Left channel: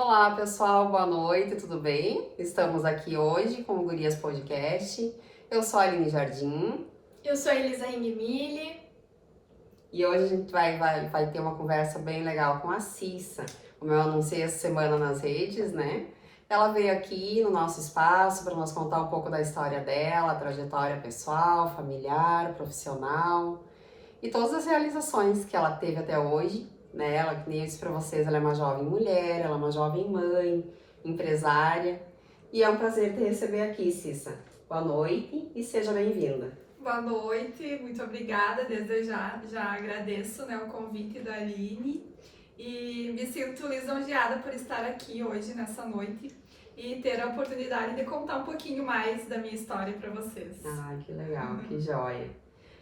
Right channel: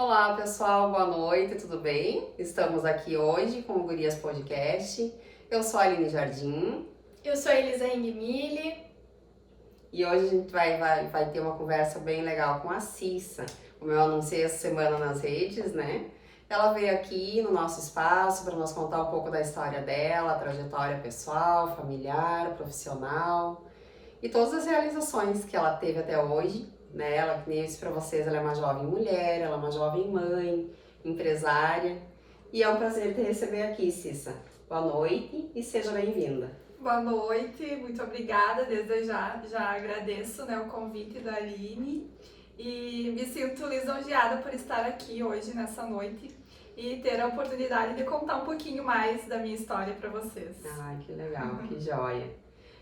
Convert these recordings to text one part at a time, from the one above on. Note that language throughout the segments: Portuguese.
Olá, pessoal, boa noite, tudo bem? Estamos aqui hoje com o Gurias Podcast. Eu sou a Aline Jardim Eu sou a Elisa Engmille. e hoje a gente vai ter uma conversa bem legal com a Cissa. Como eu anunciei essa semana nas redes, né? Ela veio aqui no nosso espaço para nos contar um pouco da história dela, trajetória pessoal, familiar, profissional e todas as realizações que ela teve até hoje, né? Ela, que nem eu disse pra vocês, ela é uma jovem mulher, ela é uma jovem mãe, empresária. E é um prazer te receber aqui, Cissa. Boa noite e seja bem-vinda. Boa noite, muito obrigada. Desde já agradeço, né, o convite da Aline e me sinto lisonjeada por estar aqui hoje, nessa noite, e ter a oportunidade de contar um pouquinho mais da minha história para vocês. Ai, que legal, que joia.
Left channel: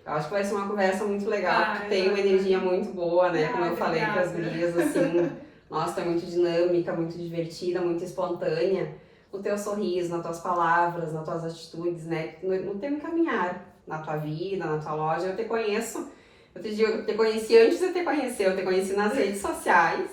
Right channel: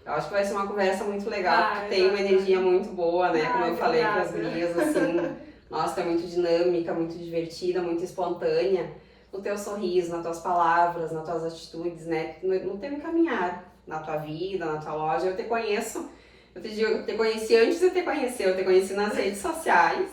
Eu acho que vai ser uma conversa muito legal, porque tem uma exatamente. energia muito boa, né? Como eu falei para as Obrigada. gurias, assim, nossa, é muito dinâmica, muito divertida, muito espontânea. No teu sorriso, nas tuas palavras, nas tuas atitudes, né? No teu caminhar, na tua vida, na tua loja. Eu te conheço, eu te conheci antes de te conhecer, eu te conheci nas redes sociais,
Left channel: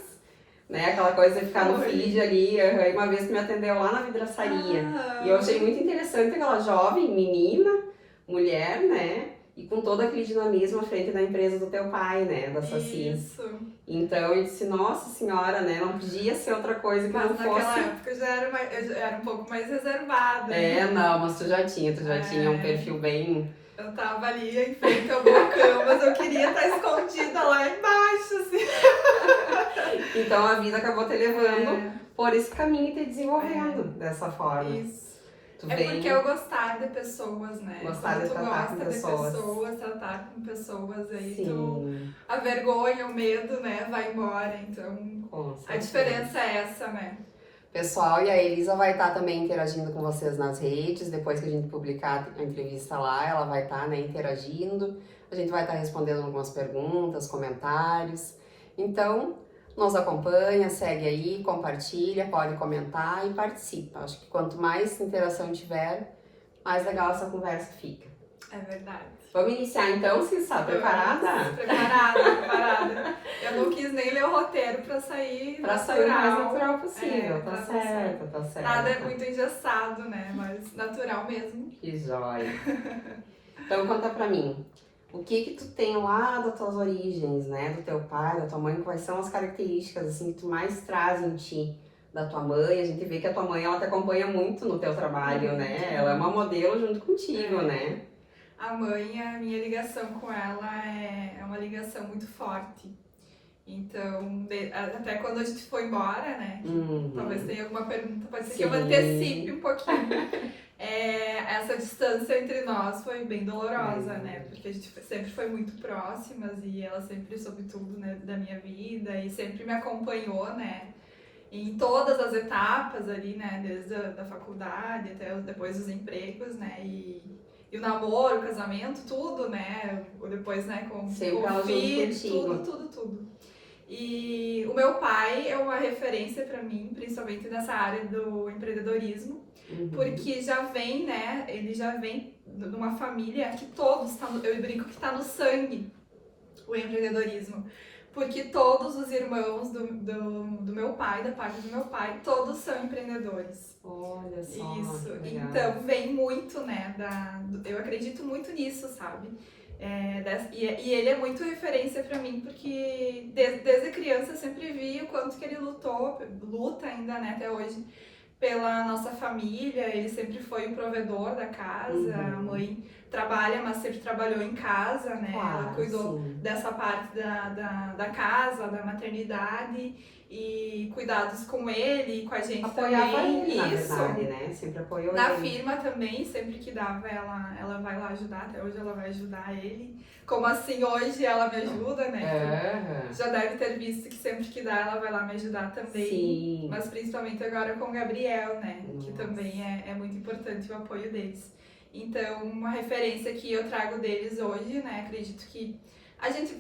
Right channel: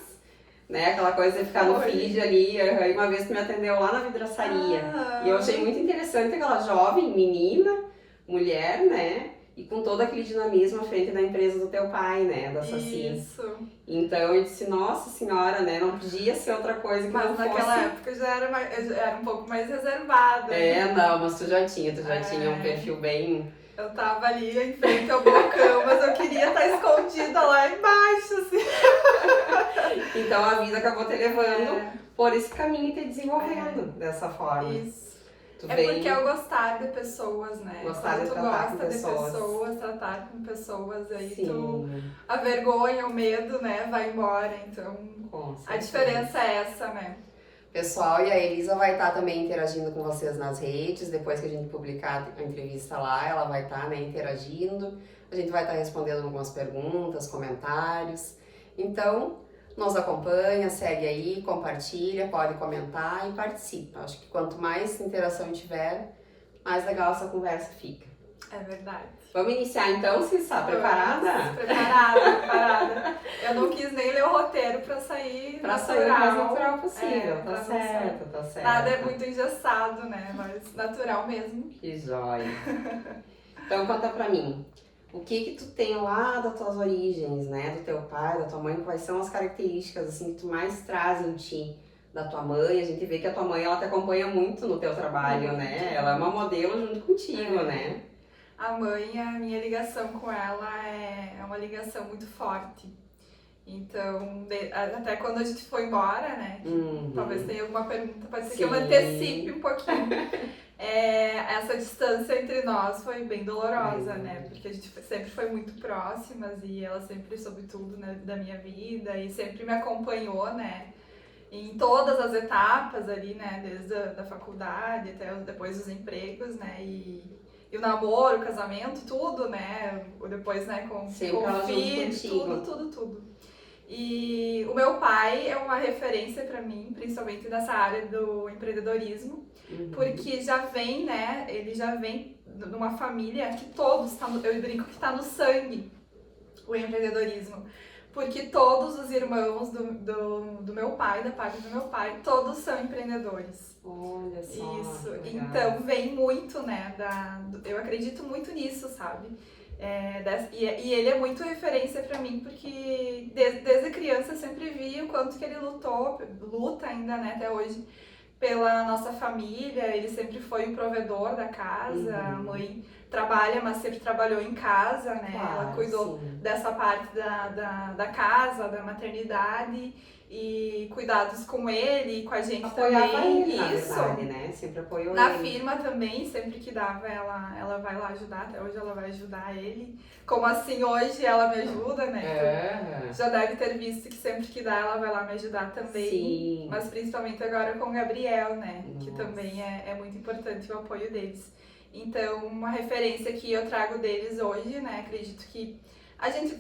né? Aquela coisa de ficar no feed ali. Uma vez tu me atendeu lá na vidraçaria. E eu achei muito interessante aquela jovem, menina, mulher, né? E com todo aquele dinamismo à frente da empresa do teu pai, né? Da Saci. Isso. Então eu disse, nossa senhora, né? Não podia ser outra coisa que Mas não naquela fosse. época eu era um pouco mais reservada. Não, mas tu já tinha um perfil bem. Eu tava ali em frente ao balcão, mas eu queria estar escondida lá embaixo, assim. Então a vida acabou te levando por esse caminho e te desenvolvendo dessa forma. Isso. Tu Porque eu gostar de pessoas, né? Gostar de tratar com pessoas. Tratar com pessoas, aí Sim. a vergonha, o medo, né, vai embora. Então, Com a diferença é essa, né? Pessoal, e a Elisa vai estar também interagindo com vocês nas redes, depois que a gente publicar a entrevista lá, ela vai estar, né, interagindo, a gente vai estar respondendo algumas perguntas, comentários. Então, nos acompanha, segue aí, compartilha, pode comentar e participa. Acho que quanto mais interação tiver, mais legal essa conversa fica. É verdade. Vamos iniciar então, Cissa? Preparada? Preparada. Eu não quis nem ler o roteiro pra sair Pra sair o mais natural possível, tá certo. Nada é muito engessado, né? Mas natural mesmo. Que joia. Então conta pra mim, o que tu tem lá das tuas origens, né? Do teu pai, da tua mãe, quais são as características assim que tu mais traz em ti da tua mãe? A gente vê que a tua mãe, ela te acompanha muito no teu trabalho, né? Ela é uma modelo junto contigo, né? A mãe, a minha ligação com ela é uma ligação muito forte. Então, até quando a gente foi embora, né? Talvez tenha alguma pergunta, pode ser que eu antecipe um pouquinho. Essa distância entre nós foi bem dolorosa, né? Porque a gente sempre foi muito próximas e ela sempre soube tudo, né, da minha vida e sempre me acompanhou, né? Em todas as etapas ali, né? Desde a faculdade até depois dos empregos, né? E o namoro, o casamento, tudo, né? Depois, né, com ela filho, junto tudo. E o meu pai é uma referência para mim, principalmente nessa área do empreendedorismo, porque ele já vem de uma família que todos, eu brinco que está no sangue o empreendedorismo. Porque todos os irmãos do meu pai, da parte do meu pai, todos são empreendedores. Olha só. Isso, então vem muito, né, eu acredito muito nisso, sabe? E ele é muito referência pra mim, porque desde criança eu sempre vi o quanto que ele luta ainda, né, até hoje, pela nossa família. Ele sempre foi um provedor da casa, a mãe trabalha, mas sempre trabalhou em casa, né? Claro, ela cuidou dessa parte da casa, da maternidade e cuidados com ele e com a gente apoiava também. Ele, na verdade, né? Sempre apoiou na ele. firma também, sempre que dava, ela vai lá ajudar, até hoje ela vai ajudar ele. Como assim, hoje ela me ajuda, né? Já deve ter visto que sempre que dá, ela vai lá me ajudar também. Sim. Mas principalmente agora com o Gabriel, né? Nossa. Que também é muito importante o apoio deles. Então, uma referência que eu trago deles hoje, né? Acredito que a gente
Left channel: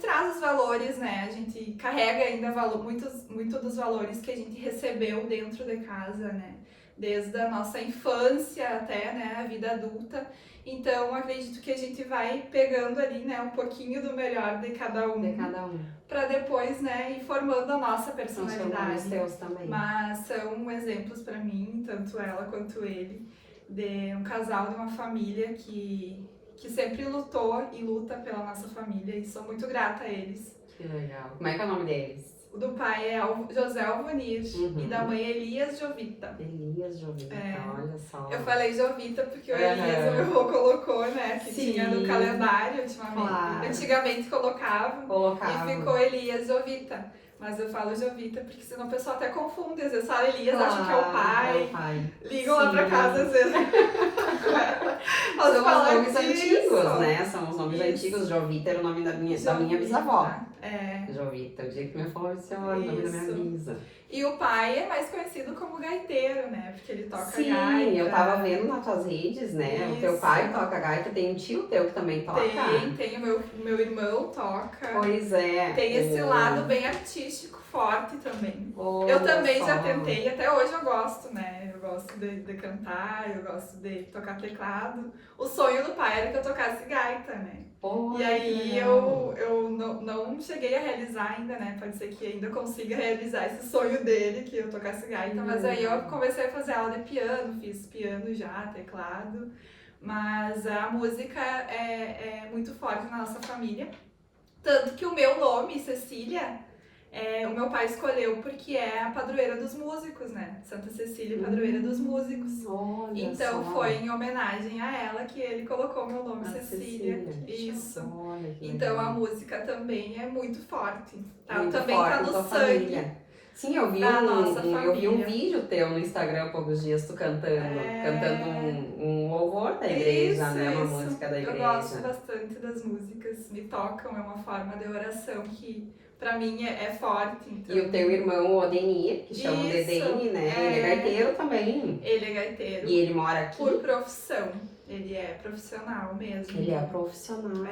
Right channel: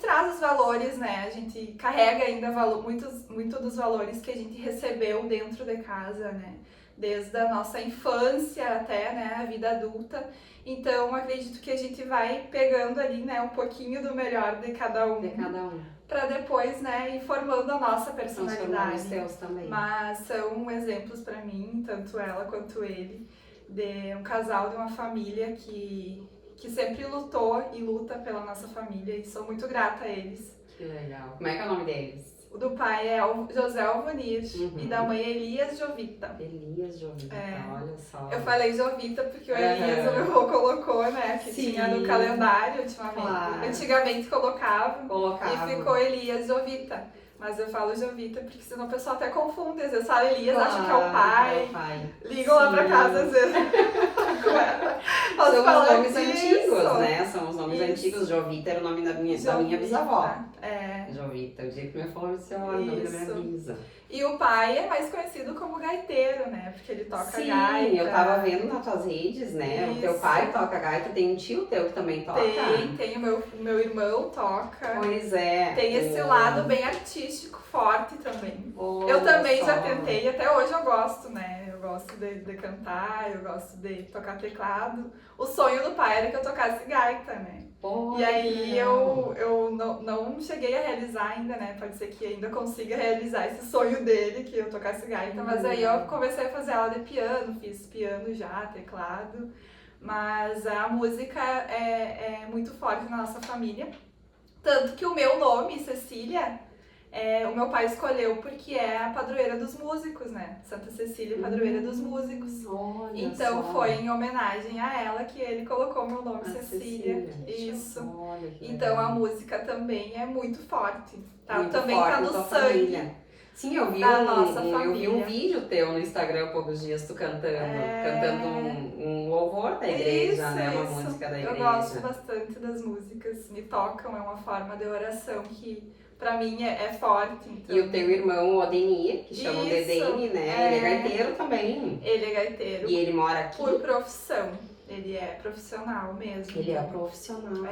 traz os valores, né? A gente carrega ainda muito dos valores que a gente recebeu dentro de casa, né? desde a nossa infância até, né, a vida adulta. Então, acredito que a gente vai pegando ali, né, um pouquinho do melhor de cada um. Para depois, né, ir formando a nossa personalidade. São teus também. Mas são exemplos para mim, tanto ela quanto ele, de um casal, de uma família que sempre lutou e luta pela nossa família, e sou muito grata a eles. Que legal. Como é que é o nome deles? O do pai é José Alvanir e da mãe Elias Jovita. Elias Jovita, olha só. Eu falei Jovita porque o Elias, o meu avô colocou, né, que tinha no calendário ultimamente. Claro. Antigamente colocava e ficou Elias Jovita. Mas eu falo Jovita porque senão o pessoal até confunde. Às vezes fala Elias, acha que é o pai. Ligam lá pra casa às vezes. São os nomes antigos, né? São os nomes antigos. Jovita era o nome da minha bisavó. Jovita. O dia que minha avó disse, olha, o nome da minha bisa. E o pai é mais conhecido como gaiteiro, né? Porque ele toca gaita. Sim, eu tava vendo nas tuas redes, né? O teu pai toca gaita, tem um tio teu que também toca. Tem o meu irmão toca. Pois é. Tem esse lado bem artístico, forte também. Eu também já tentei, até hoje eu gosto, né? Eu gosto de cantar, eu gosto de tocar teclado. O sonho do pai era que eu tocasse gaita, né? E aí eu não cheguei a realizar ainda, né? Pode ser que ainda consiga realizar esse sonho dele, que eu tocasse gaita. Mas aí eu comecei a fazer aula de piano, fiz piano já, teclado. Mas a música é muito forte na nossa família. Tanto que o meu nome, Cecília, o meu pai escolheu porque é a padroeira dos músicos, né? Santa Cecília, padroeira dos músicos. Então foi em homenagem a ela que ele colocou meu nome, Cecília. Isso. Então a música também é muito forte. Tá? Muito também forte tá no tua sangue. Família. Sim, eu vi um vídeo teu no Instagram há poucos dias, tu cantando um louvor da igreja, né? Uma música da igreja. Eu gosto bastante das músicas, me tocam, é uma forma de oração que pra mim é forte. Então. E o teu irmão, o Odenir, que chamam de Deni, né? Ele é gaiteiro também. Ele é gaiteiro. E ele mora aqui? Por profissão. Ele é profissional mesmo. Ele é profissional.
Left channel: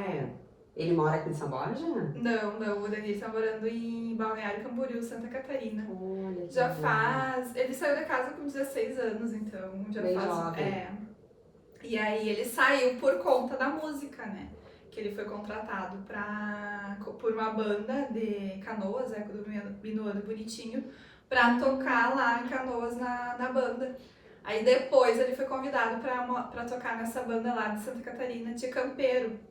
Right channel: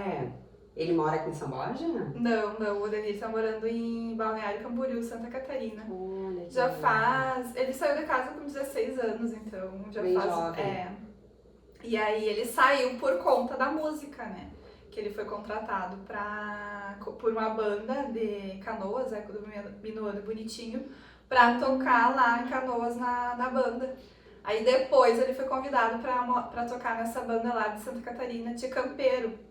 Ele mora aqui em São Borja? Não, o Odenir tá morando em Balneário Camboriú, Santa Catarina. Olha, já faz... Ele saiu de casa com 16 anos, então já bem faz... jovem. E aí ele saiu por conta da música, né? Que ele foi contratado por uma banda de Canoas, do Minuano Bonitinho, pra tocar lá em Canoas na banda. Aí depois ele foi convidado pra tocar nessa banda lá de Santa Catarina, de Campeiro.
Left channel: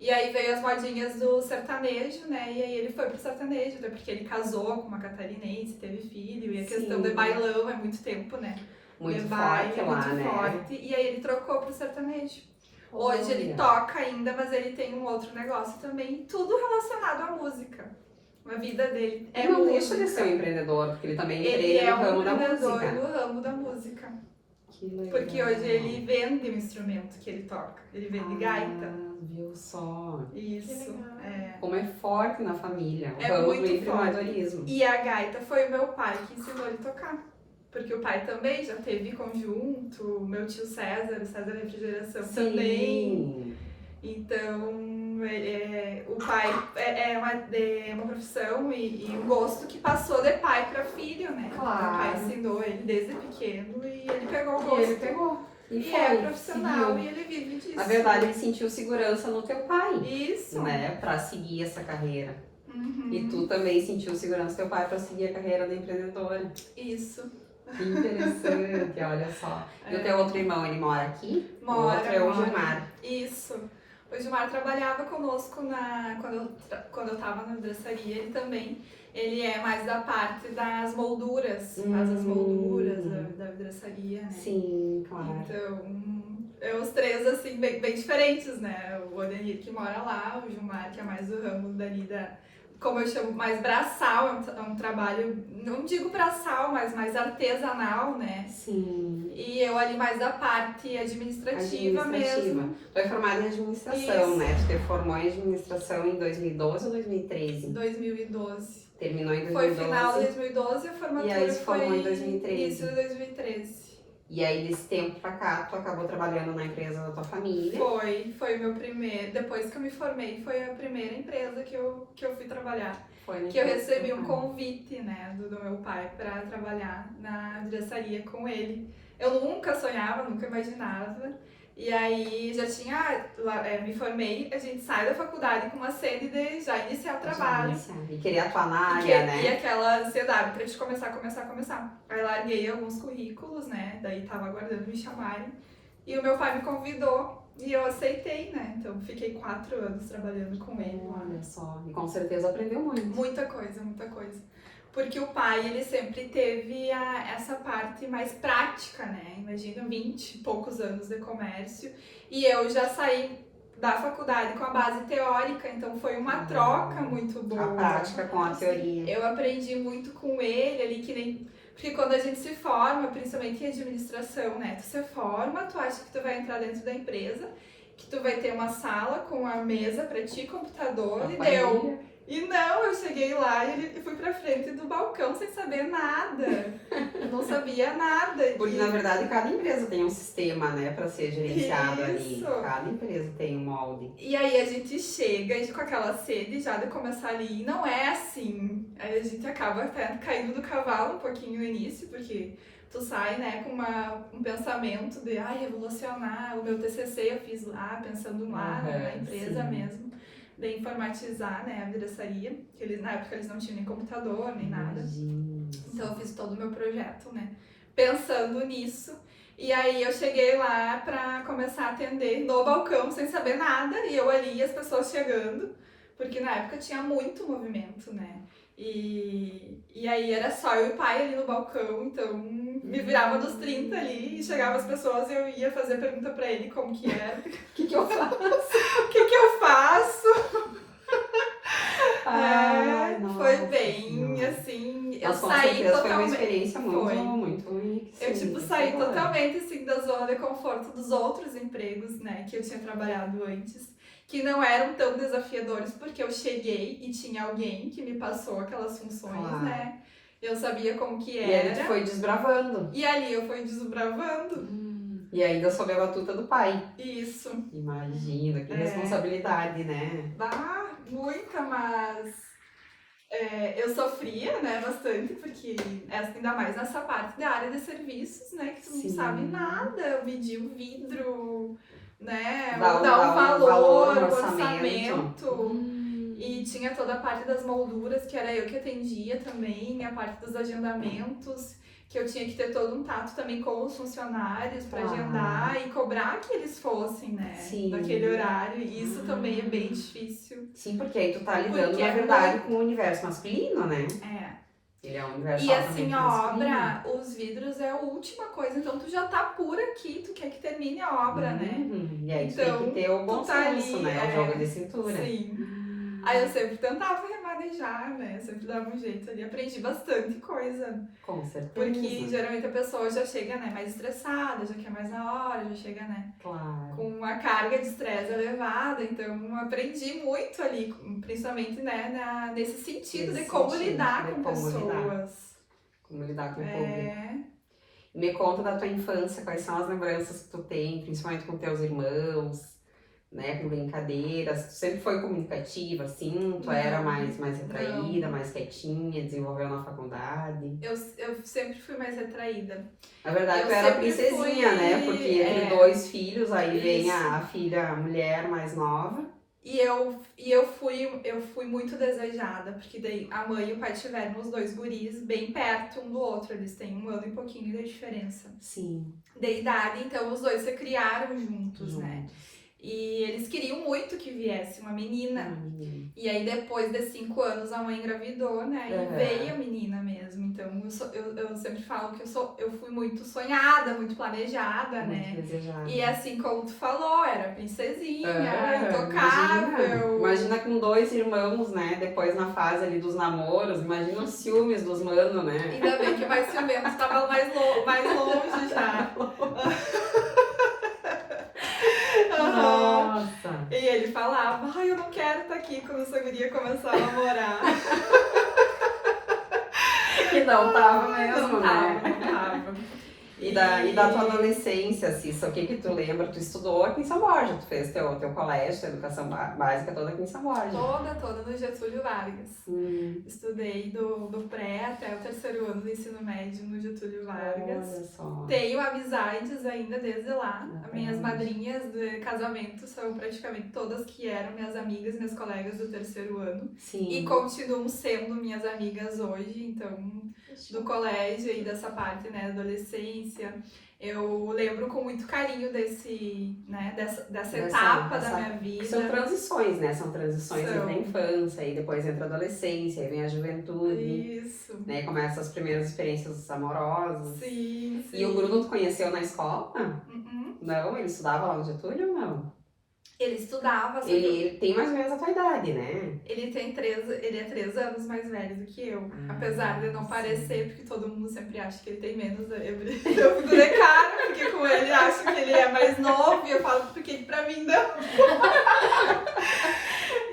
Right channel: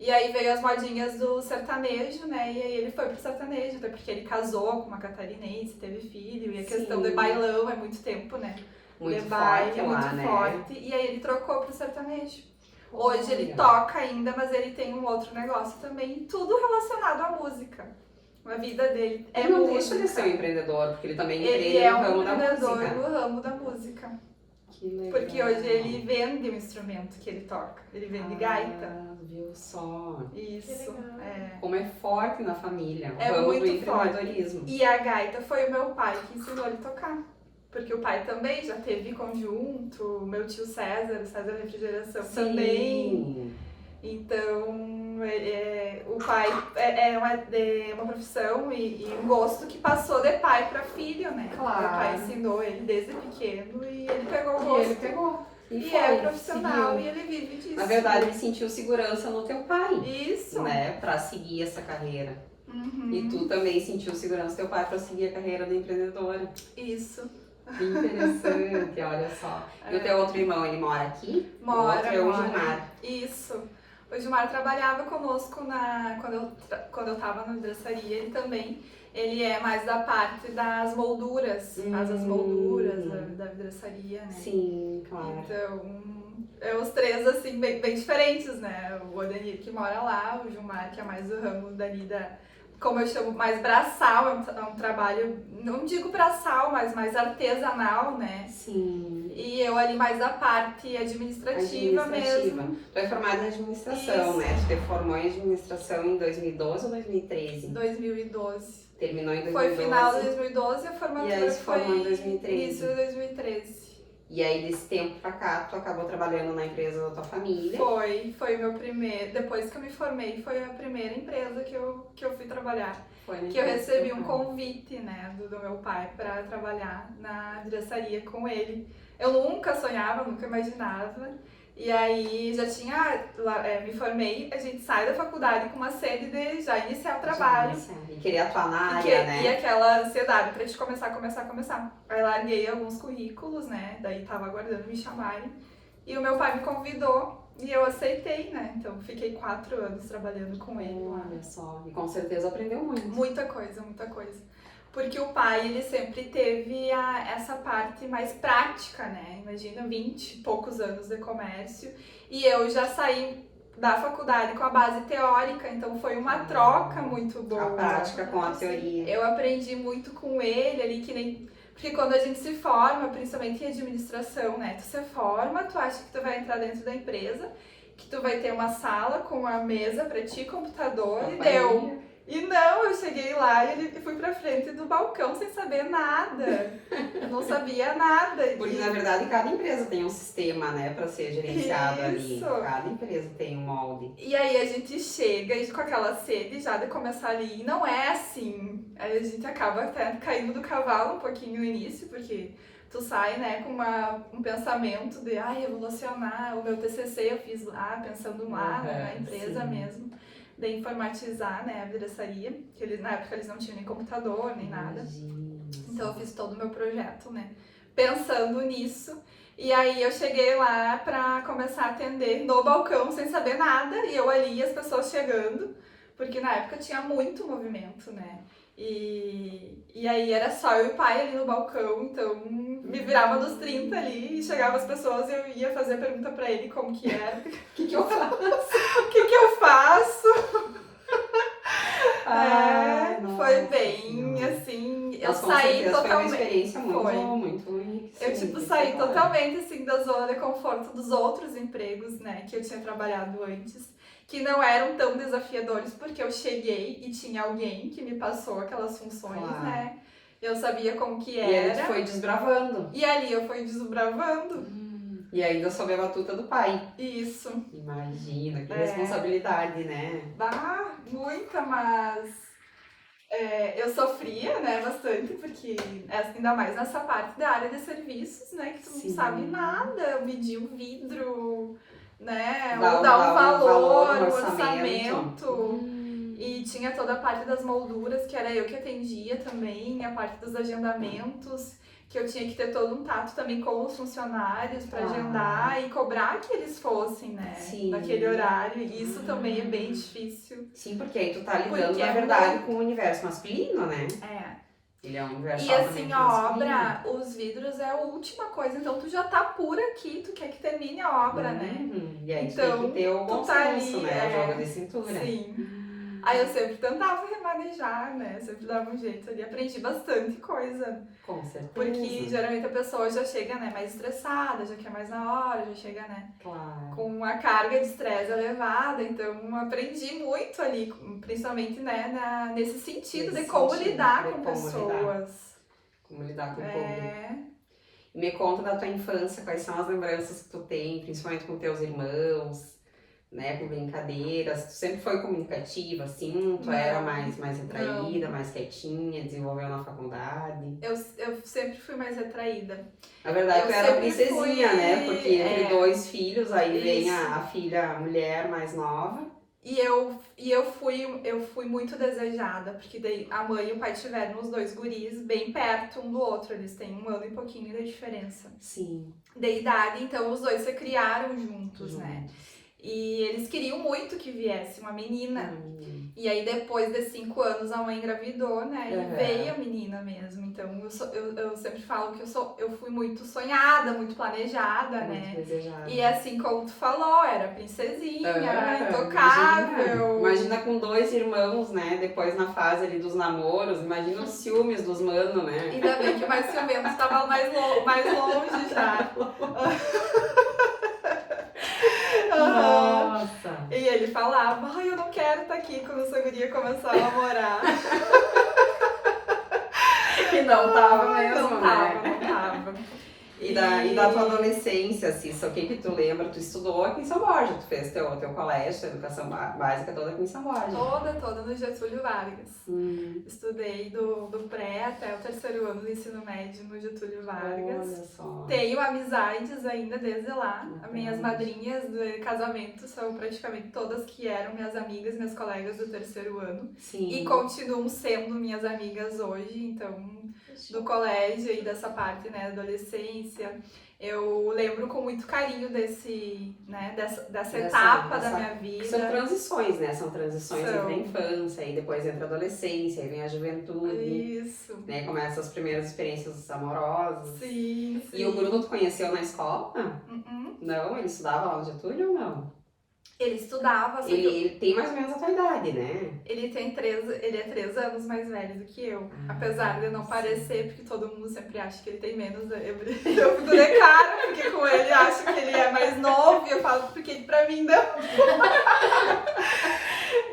E aí veio as modinhas do sertanejo, né? E aí ele foi pro sertanejo, até porque ele casou com uma catarinense, teve filho, e a questão de bailão é muito tempo, né? Muito de forte lá, muito né? forte. E aí ele trocou pro sertanejo. Hoje ele toca ainda, mas ele tem um outro negócio também, tudo relacionado à música. A vida dele ele não deixa de ser um empreendedor, porque ele também empreende no ramo da música. Ele é um empreendedor no ramo da música. Que legal. Porque hoje ele vende o instrumento que ele toca. Ele vende gaita. Viu só? Isso. Como é forte na família, o é ramo muito do empreendedorismo. Forte. E a gaita foi o meu pai que ensinou ele a tocar. Porque o pai também já teve conjunto, meu tio César Refrigeração também. Então, o pai é uma profissão e um gosto que passou de pai para filho, né? Claro. O pai ensinou ele desde pequeno e ele pegou o gosto. E é profissional e ele vive disso. Na verdade, ele sentiu segurança no teu pai. Isso. Né? Pra seguir essa carreira. Uhum. E tu também sentiu segurança no teu pai pra seguir a carreira da empreendedora. Isso. Que interessante, olha só. E o teu outro irmão, ele mora aqui? Mora. O outro é o Gilmar. Isso. O Gilmar trabalhava conosco quando eu tava na dressaria, ele também. Ele é mais da parte das molduras, faz as molduras da dressaria, né? Sim, claro. Então, os três, assim, bem diferentes, né? O Odenir que mora lá, o Gilmar que é mais do ramo dali como eu chamo, mais braçal, é um trabalho, não digo braçal, mas mais artesanal, né? Sim. E eu ali mais da parte administrativa mesmo. Tu é formada em administração, Isso. né? Tu te formou em administração em 2012 ou 2013? 2012. Terminou em 2012. Foi final de 2012 e a formatura e aí se formou em 2013. Início de 2013. E aí, desse tempo pra cá, tu acabou trabalhando na empresa da tua família. Foi o meu primeiro. Depois que eu me formei, foi a primeira empresa que eu fui trabalhar. que eu recebi um convite, né, do meu pai para trabalhar na vidraçaria com ele. Eu nunca sonhava, nunca imaginava. E aí já tinha, me formei, a gente sai da faculdade com uma sede de já iniciar o trabalho. E queria atuar na área, né? E aquela ansiedade pra gente começar. Aí larguei alguns currículos, né, daí tava aguardando me chamarem. E o meu pai me convidou e eu aceitei, né, então fiquei 4 anos trabalhando com ele lá. Olha só, e com certeza aprendeu muito. Muita coisa. Porque o pai, ele sempre teve essa parte mais prática, né? Imagina 20 e poucos anos de comércio. E eu já saí da faculdade com a base teórica, então foi uma troca muito boa. A prática com a teoria. Eu aprendi muito com ele ali, que nem... Porque quando a gente se forma, principalmente em administração, né? Tu se forma, tu acha que tu vai entrar dentro da empresa, que tu vai ter uma sala com a mesa pra ti, computador, e deu... E não, eu cheguei lá e fui pra frente do balcão sem saber nada. Eu não sabia nada. Porque, na verdade, cada empresa tem um sistema, né, pra ser gerenciado ali. Cada empresa tem um molde. E aí a gente chega com aquela sede já de começar ali. E não é assim. Aí a gente acaba até caindo do cavalo um pouquinho no início, porque tu sai, né, com um pensamento de, revolucionar. O meu TCC eu fiz lá, pensando lá, na empresa mesmo. De informatizar, né, a vidraçaria, que na época eles não tinham nem computador, nem nada. Então eu fiz todo o meu projeto, né, pensando nisso. E aí eu cheguei lá pra começar a atender no balcão, sem saber nada, e eu ali, as pessoas chegando, porque na época tinha muito movimento, né. E aí era só eu e o pai ali no balcão, então me virava dos 30 ali, e chegava as pessoas e eu ia fazer pergunta pra ele como que era, o que eu faço, o que eu faço. Foi bem, assim, eu saí totalmente... Foi uma experiência muito eu saí totalmente, assim, da zona de conforto dos outros empregos, né, que eu tinha trabalhado antes, que não eram tão desafiadores, porque eu cheguei e tinha alguém que me passou aquelas funções, né? Eu sabia como que era. E aí tu foi desbravando. E ali eu fui desbravando. E ainda sob a batuta do pai. Isso. Imagina, que responsabilidade, né? Muita, mas... eu sofria, né, bastante, porque ainda mais nessa parte da área de serviços, né, que tu não sabe nada, medir o vidro... né, dar um valor, um orçamento. E tinha toda a parte das molduras, que era eu que atendia também, a parte dos agendamentos, que eu tinha que ter todo um tato também com os funcionários para agendar e cobrar que eles fossem, né, naquele horário. E isso também é bem difícil. Sim, porque aí tu tá lidando, na verdade, com o universo masculino, né? Ele é um universo altamente masculino. E assim, a obra, os vidros é a última coisa, então tu já tá por aqui, tu quer que termine a obra, né? E aí tu tem que ter o bom senso, né? O jogo de cintura. Sim. Aí eu sempre tentava remanejar, né? Eu sempre dava um jeito ali. Aprendi bastante coisa. Com certeza. Porque geralmente a pessoa já chega, né, mais estressada, já quer mais na hora, já chega, né? Claro. Com uma carga de estresse elevada. Então aprendi muito ali, principalmente, né, nesse sentido de como lidar com pessoas. Como lidar com o público. Me conta da tua infância, quais são as lembranças que tu tem, principalmente com teus irmãos, né, com brincadeiras. Tu sempre foi comunicativa, assim? Tu era mais retraída, mais quietinha, desenvolveu na faculdade? Eu sempre fui mais retraída. Na verdade, tu era princesinha, né? Porque entre 2 filhos, aí vem a filha, a mulher mais nova. E eu fui muito desejada, porque daí a mãe e o pai tiveram os 2 guris bem perto um do outro, eles têm 1 ano e pouquinho de diferença. Sim. De idade, então os 2 se criaram juntos, né? E eles queriam muito que viesse uma menina. E aí depois de 5 anos a mãe engravidou, né? E veio a menina mesmo. Então eu sempre falo que eu fui muito sonhada, muito planejada, né? Desejada. E assim como tu falou, era princesinha, era intocável. Imagina com 2 irmãos, né? Depois na fase ali dos namoros, imagina os ciúmes dos manos, né? Ainda bem que mais ciúmes estavam mais longe já. Nossa! E ele falava, eu não quero estar aqui quando essa guria começar a namorar. E não tava mesmo, não tava. E da tua adolescência, Cissa, o que tu lembra? Tu estudou aqui em São Borja, tu fez teu colégio, tua educação básica toda aqui em São Borja. Toda no Getúlio Vargas. Estudei do pré até o 3º ano do ensino médio no Getúlio Vargas. Olha só. Tenho amizades ainda desde lá. As minhas madrinhas de casamento são praticamente todas que eram minhas amigas, minhas colegas do 3º ano. Sim. E continuam sendo minhas amigas hoje, então, do colégio e dessa parte, né, da adolescência. Eu lembro com muito carinho dessa etapa da minha vida. São transições, né? São transições entre a infância, e depois entra a adolescência, aí vem a juventude. Isso. Né? Começam as primeiras experiências amorosas. Sim. E o Bruno tu conheceu na escola? Não? Ele estudava lá no Getúlio ou não? Ele estudava. Ele tem mais ou menos a tua idade, né? Ele é 3 anos mais velho do que eu. Apesar de não parecer, porque todo mundo sempre acha que ele tem menos. Eu fico de cara, porque com ele acho que ele é mais novo. E eu falo, porque pra mim não.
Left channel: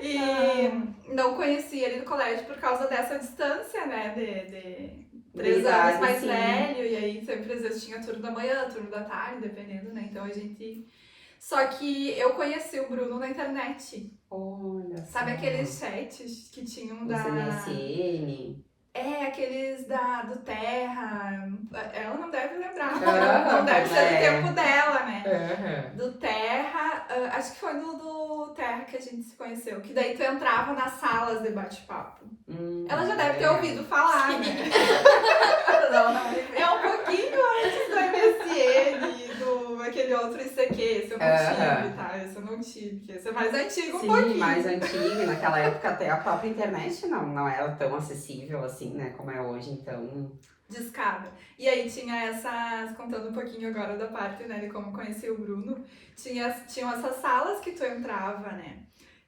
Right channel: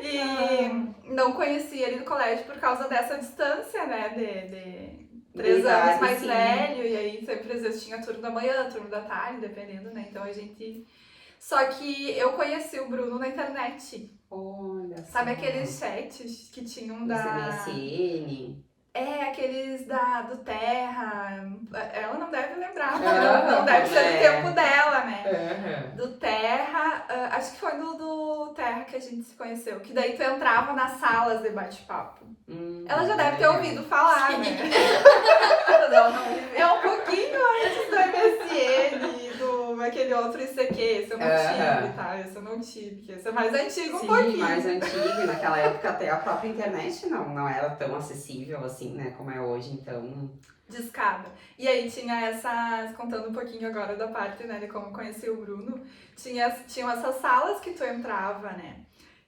E não conheci ele no colégio por causa dessa distância, né? De 3 anos mais velho. E aí sempre às vezes tinha turno da manhã, turno da tarde, dependendo, né? Então a gente... Só que eu conheci o Bruno na internet. Olha só. Sabe aqueles chats que tinham da... MSN. Aqueles do Terra. Ela não deve lembrar. Não deve ser do tempo dela, né? Do Terra. Acho que foi do Terra que a gente se conheceu. Que daí tu entrava nas salas de bate-papo. Ela já deve ter ouvido falar, né? É um pouquinho antes do MSN e do aquele outro ICQ. Esse eu não tive, tá? Esse eu não tive. Esse é mais antigo um pouquinho. Sim, mais antigo. E naquela época até a própria internet não era tão acessível assim, né? Como é hoje, então... Discada. E aí tinha contando um pouquinho agora da parte, né, de como eu conheci o Bruno, tinham essas salas que tu entrava, né?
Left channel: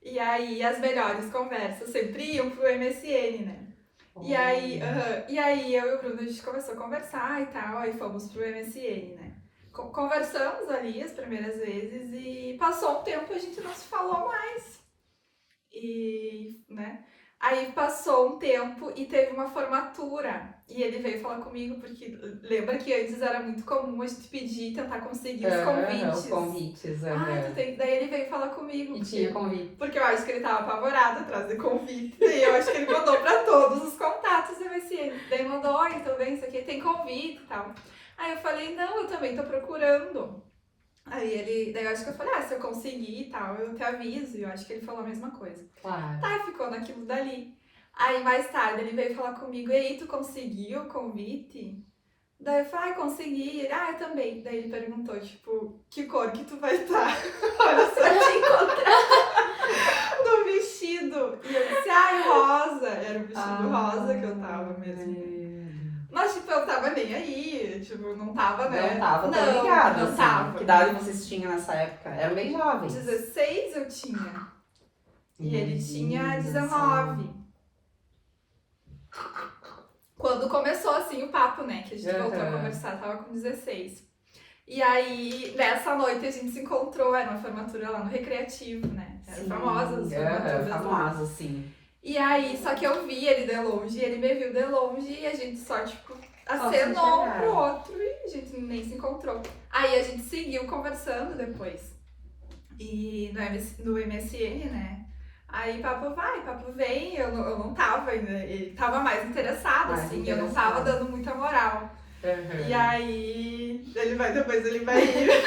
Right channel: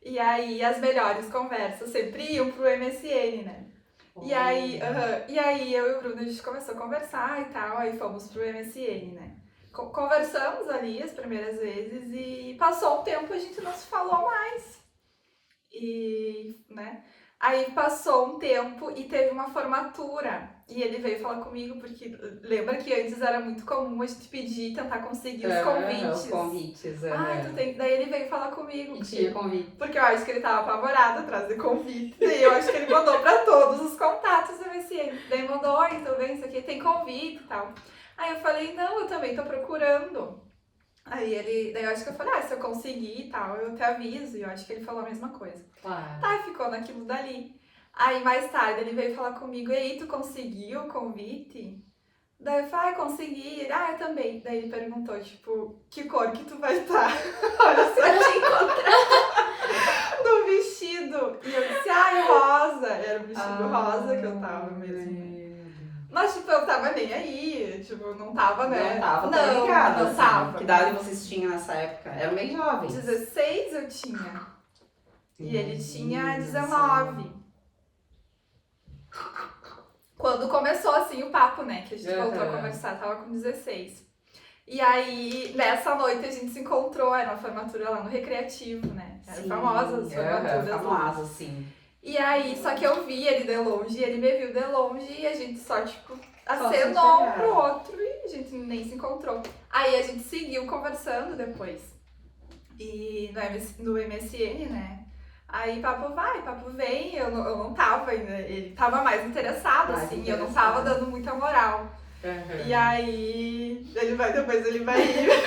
E aí as melhores conversas sempre iam pro MSN, né? E aí eu e o Bruno, a gente começou a conversar e tal, aí fomos pro MSN, né? Conversamos ali as primeiras vezes e passou um tempo a gente não se falou mais. E, né? Aí passou um tempo e teve uma formatura. E ele veio falar comigo, porque lembra que antes era muito comum a gente pedir, tentar conseguir os convites. Os convites, Daí ele veio falar comigo. E tinha convite. Porque eu acho que ele tava apavorado atrás de convite. E eu acho que ele mandou pra todos os contatos do MSN. Daí mandou, então vem isso aqui, tem convite e tal. Aí eu falei, não, eu também tô procurando. Daí eu acho que eu falei, se eu conseguir e tal, eu te aviso. E eu acho que ele falou a mesma coisa. Claro. Tá, ficou naquilo dali. Aí mais tarde ele veio falar comigo, e aí, tu conseguiu o convite? Daí eu falei, consegui. Ele, eu também. Daí ele perguntou, tipo, que cor que tu vai estar? Olha, se eu te encontrar no vestido. E eu disse, rosa. Era o vestido rosa que eu tava mesmo. Mas, tipo, eu tava nem aí, tipo, não tava, né? Não tava, tô ligada, não tava. Que idade vocês tinham nessa época? Eram bem jovens. 16 eu tinha. E ele tinha 19. Quando começou, assim, o papo, né? Que a gente voltou a conversar, tava com 16. E aí, nessa noite, a gente se encontrou, era uma formatura lá no Recreativo, né? Era famosa as formaturas lá. Famosa, sim. E aí, só que eu vi ele de longe, ele me viu de longe e a gente só, tipo, acenou um pro outro e a gente nem se encontrou. Aí a gente seguiu conversando depois. E no MSN, né? Aí papo vai, papo vem, eu não tava ainda, ele tava mais interessado, eu não tava dando muita moral. E aí, depois ele vai ir.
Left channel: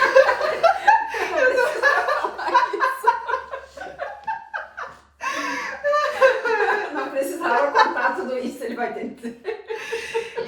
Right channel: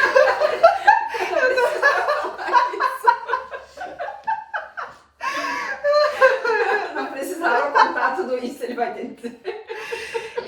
Não precisava contar tudo isso, ele vai ter.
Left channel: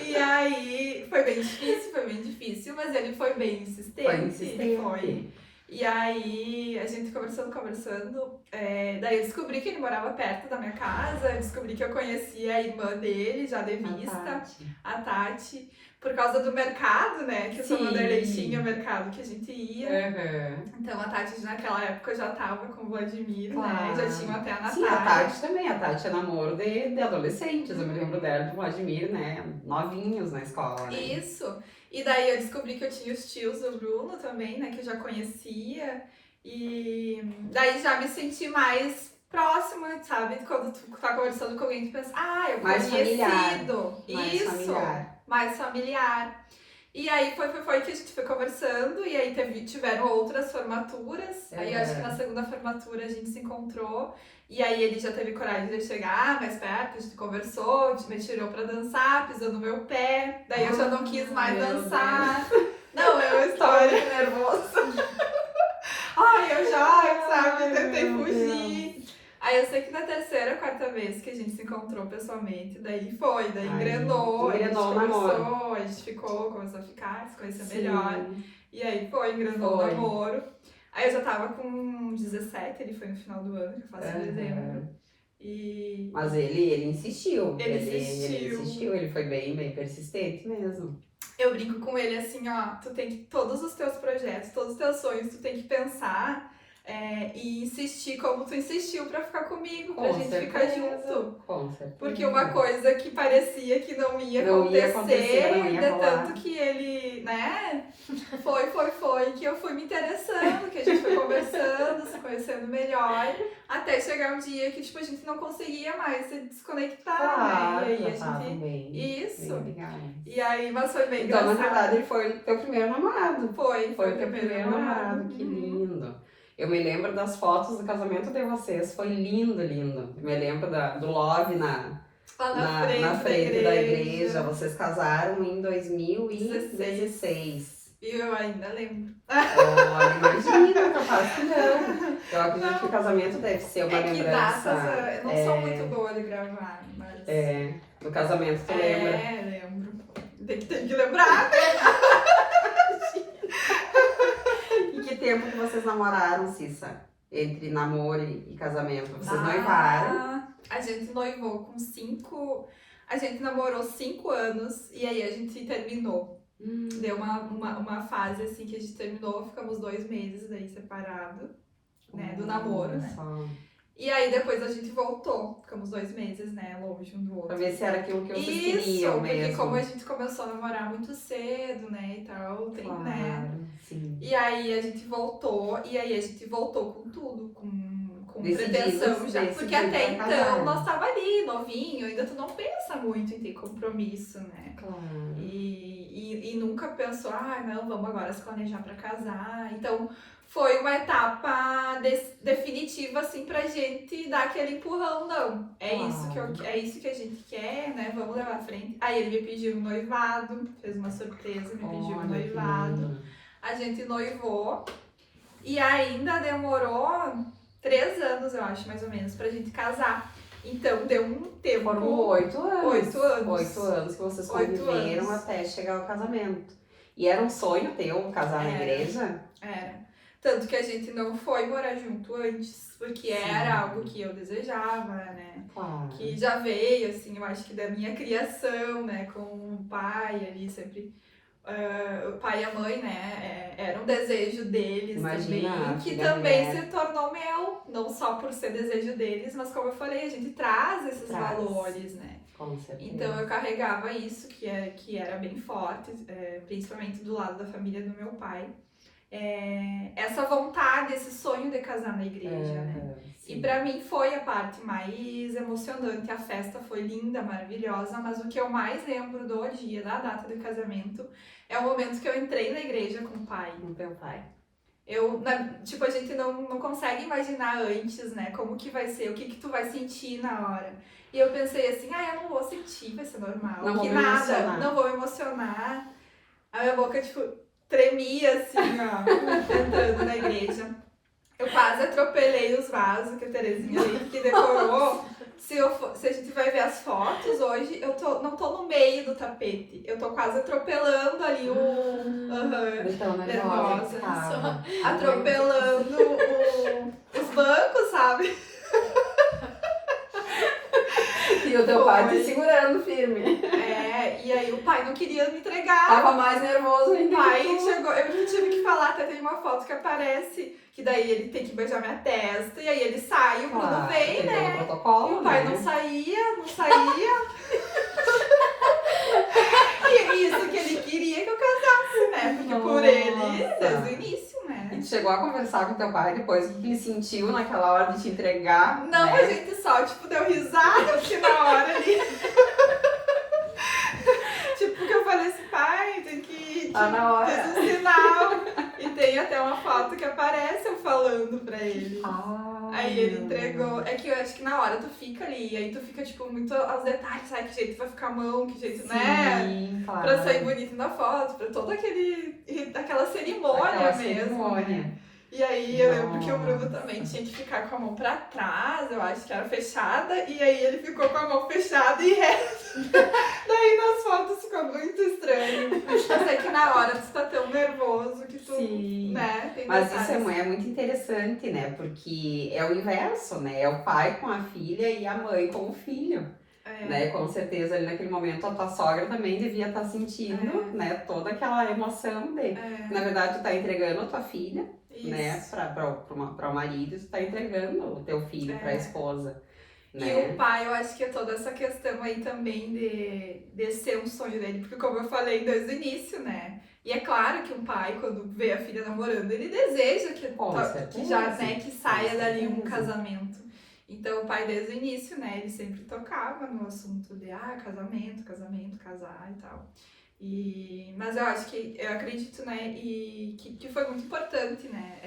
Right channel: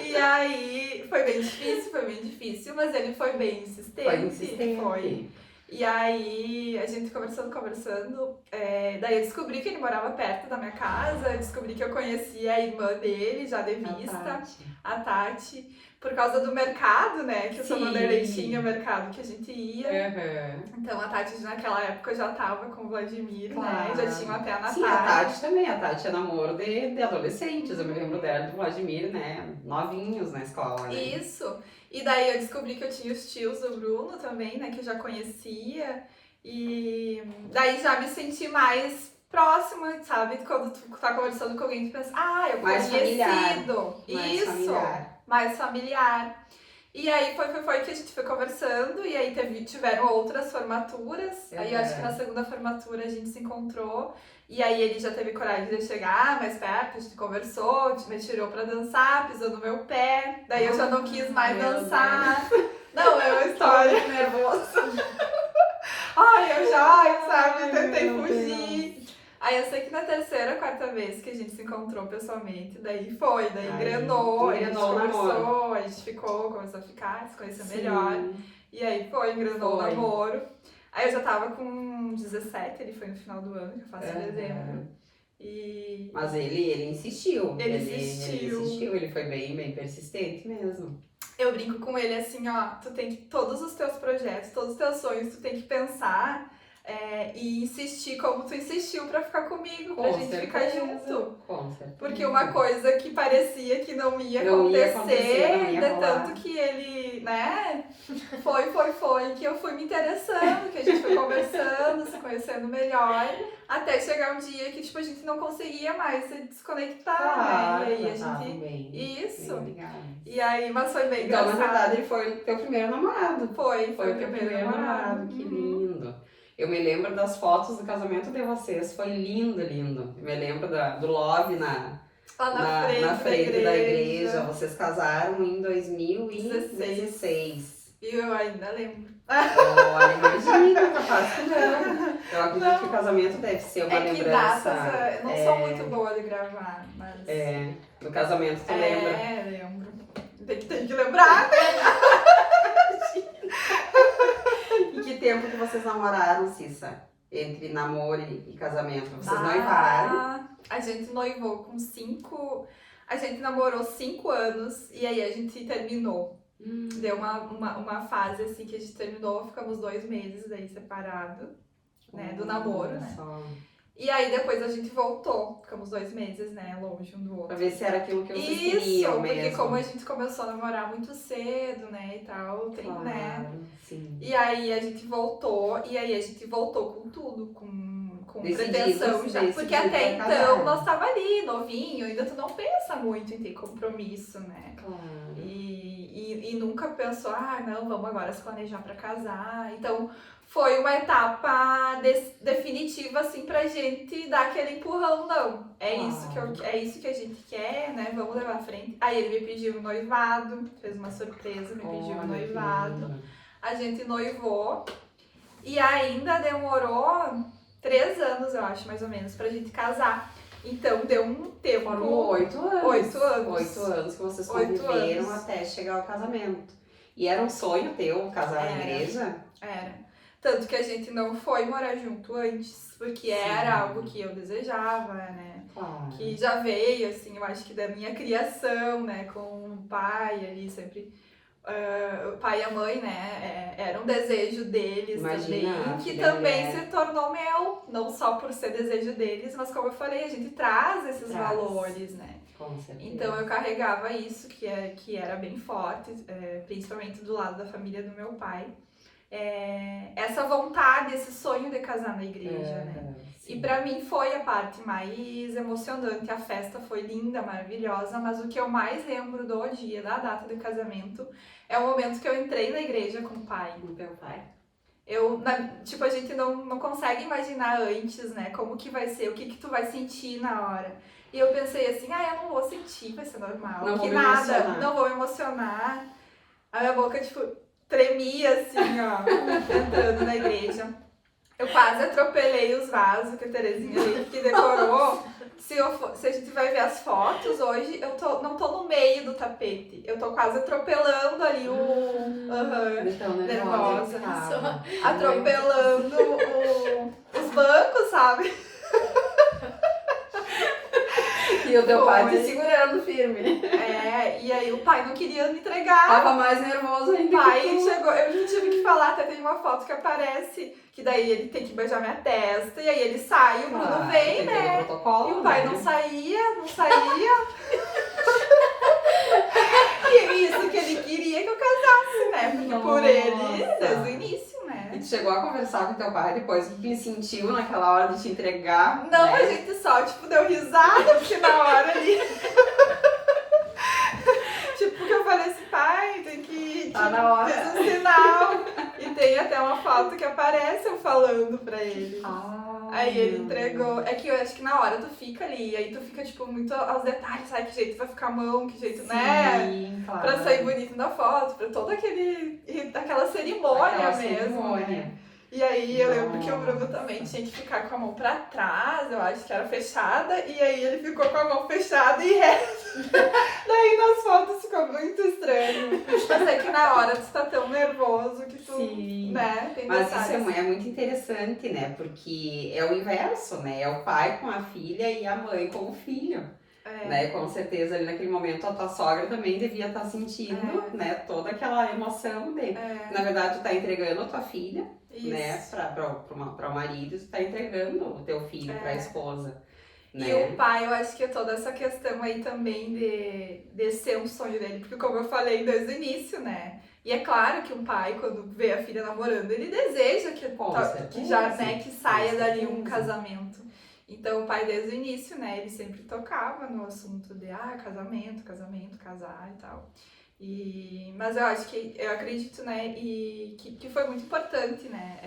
E aí, foi bem difícil, mas ele foi bem insistente. Foi. E aí, a gente conversando, daí eu descobri que ele morava perto da minha casa, descobri que eu conhecia a irmã dele, já de vista, a Tati, por causa do mercado, né, que o São Vanderlei tinha o mercado que a gente ia. Então, a Tati naquela época já tava com o Vladimir, né, já tinham até a Natália. Sim, a Tati também, a Tati é namoro de adolescentes, eu me lembro dela do Vladimir, né, novinhos na escola, né. Isso. E daí eu descobri que eu tinha os tios do Bruno também, né, que eu já conhecia. E daí já me senti mais próxima, sabe? Quando tu tá conversando com alguém, tu pensa, eu mais conhecido. Familiar. Mais familiar. E aí foi que a gente foi conversando, e aí tiveram outras formaturas. Aí eu acho que na segunda formatura a gente se encontrou. E aí ele já teve coragem de chegar mais perto, a gente conversou, me tirou pra dançar, pisou no meu pé. Daí eu já não quis mais dançar. Não, é uma história nervosa. Ai, eu já, sabe, tentei fugir. Aí eu sei que na terceira, quarta vez que a gente se encontrou pessoalmente, daí engrenou, a gente conversou, a gente começou a ficar, se conhecer melhor. E aí engrenou o namoro. Aí eu já tava com 17, ele foi no final do ano, que eu faço em dezembro. Mas ele insistiu. Ele insistiu. Ele foi bem persistente mesmo. Eu brinco com ele assim, ó, tu tem que, todos os teus projetos, todos os teus sonhos, tu tem que pensar e insistir como tu insistiu pra ficar comigo, pra gente ficar junto. Com certeza. Porque uma coisa que parecia que não ia acontecer, não ia tanto que ele, né, foi, que eu fui me interessando, que a gente foi conversando, se conhecendo melhor, até chegar um dia que, tipo, a gente não conseguia mais se desconectar, né? E aí a gente... Isso. E aí, mas foi bem engraçado. Então, na verdade, ele foi o teu primeiro namorado. Foi o teu primeiro namorado. Que lindo. Eu me lembro das fotos do casamento de vocês, foi lindo. Eu me lembro do Love na frente da igreja. Vocês casaram em 2016. E eu ainda lembro. Olha, imagina, capaz que não. Eu acredito que o casamento deve ser uma lembrança. Eu não sou muito boa de gravar, mas... Do casamento tu lembra? Lembro. Tem que lembrar, E que tempo que vocês namoraram, Cissa? Entre namoro e casamento? Vocês noivaram? A gente noivou com 5... A gente namorou 5 anos e aí a gente terminou. Deu uma fase assim que a gente terminou, ficamos 2 meses daí separados, né, do namoro, né? E aí depois a gente voltou, ficamos 2 meses, né, longe um do outro. Pra ver se era aquilo que vocês queriam mesmo. Porque como a gente começou a namorar muito cedo, né, e tal, né? Sim. E aí a gente voltou, com tudo, com pretensão já. Porque até então nós tava ali, novinho, ainda tu não pensa muito em ter compromisso, né? Claro. E nunca pensou, não, vamos agora se planejar pra casar. Então foi uma etapa definitiva, assim, pra gente dar aquele empurrão, não. É isso que a gente quer, né? Vamos levar à frente. Aí ele me pediu um noivado, fez uma surpresa, me pediu um noivado. A gente noivou e ainda demorou 3 anos, eu acho, mais ou menos, pra gente casar. Então deu um tempo. Foram 8 anos. 8 anos. 8 anos que vocês conviveram até chegar ao casamento. E era um sonho teu casar na igreja? Era. Tanto que a gente não foi morar junto antes, porque era algo que eu desejava, né? Claro. Que já veio, assim, eu acho que da minha criação, né? Com o pai ali, sempre... o pai e a mãe, né? Era um desejo deles também, que também se tornou meu. Não só por ser desejo deles, mas como eu falei, a gente traz esses valores, né? Com certeza. Então eu carregava isso, que era bem forte, principalmente do lado da família do meu pai. Essa vontade, esse sonho de casar na igreja, né? Sim. E pra mim foi a parte mais emocionante. A festa foi linda, maravilhosa, mas o que eu mais lembro do dia, da data do casamento, é o momento que eu entrei na igreja com o pai. Com o teu pai. A gente não consegue imaginar antes, né? Como que vai ser, o que tu vai sentir na hora. E eu pensei assim, eu não vou sentir, vai ser normal. Não vou me emocionar. Não vou me emocionar. A minha boca, tremia assim, ó, entrando na igreja. Eu quase atropelei os vasos que a Terezinha que decorou. Se a gente vai ver as fotos hoje, eu não tô no meio do tapete. Eu tô quase atropelando ali nervosa. Atropelando os bancos, sabe? E o teu pai te segurando firme. E aí o pai não queria me entregar. Tava mais nervoso ainda. O pai chegou, eu tive que falar, até tem uma foto que aparece, que daí ele tem que beijar minha testa, e aí ele sai, o Bruno vem, né? Protocolo, e o pai não saía. E isso que ele queria que eu casasse, né? Porque por ele, desde o início, né? E tu chegou a conversar com teu pai depois que ele sentiu naquela hora de te entregar? Não, né? A gente só, deu risada, porque na hora ali... que eu falei assim, pai, tem que Tá na hora. fez um sinal. E tem até uma foto que aparece eu falando pra ele. Aí ele entregou. É que eu acho que na hora tu fica ali, aí tu fica, tipo, muito aos detalhes, sabe? Que jeito vai ficar a mão, que jeito, né? Sim, claro. Pra sair bonito na foto, pra toda aquela cerimônia Aquela mesmo. cerimônia. Né? E aí eu lembro que o Bruno também tinha que ficar com a mão pra trás, eu acho que era fechada, e aí ele ficou com a mão fechada e reta. Daí nas fotos ficou muito estranho. Eu sei que na hora tu tá tão nervoso que tu, Sim. né, tem Mas detalhes. isso é muito interessante, né? Porque é o inverso, né? É o pai com a filha e a mãe com o filho. Né? Com certeza ali naquele momento a tua sogra também devia estar sentindo, né? Toda aquela emoção de... Na verdade, tu tá entregando a tua filha, né? Para o marido, tu tá entregando o teu filho para a esposa. Né? E o pai, eu acho que é toda essa questão aí também de ser um sonho dele, porque como eu falei desde o início, né? E é claro que um pai, quando vê a filha namorando, ele deseja que saia dali um casamento. Então o pai desde o início, né, ele sempre tocava no assunto de casamento, casar e tal. Mas eu acredito, né, e que foi muito importante, né,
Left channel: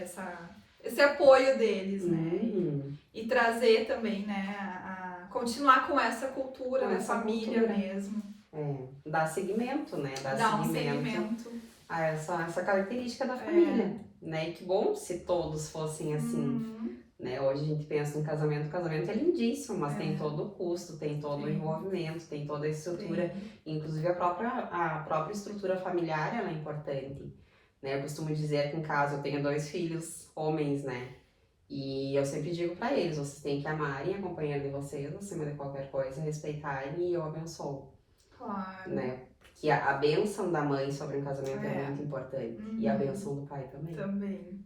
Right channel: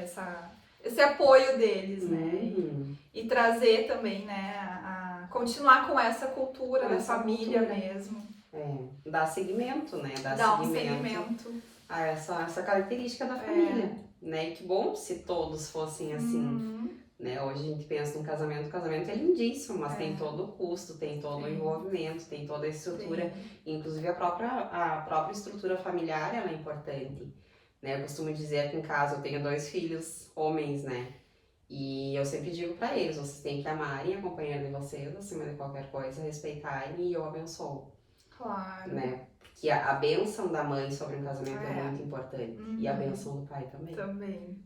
esse apoio deles, né, e trazer também, né, a continuar com essa cultura da família mesmo. Dar seguimento, né, dar um seguimento a essa característica da família, né, e que bom se todos fossem assim. Né? Hoje a gente pensa num casamento, o casamento é lindíssimo, mas tem todo o custo, tem todo o envolvimento, tem toda a estrutura, inclusive a própria estrutura familiar ela é importante. Né? Eu costumo dizer aqui em casa, eu tenho 2 filhos homens, né? E eu sempre digo pra eles, vocês têm que amarem a companheira de vocês, acima de qualquer coisa, respeitarem e eu abençoo. Claro. Né? Que a bênção da mãe sobre um casamento é muito importante. E a bênção do pai também.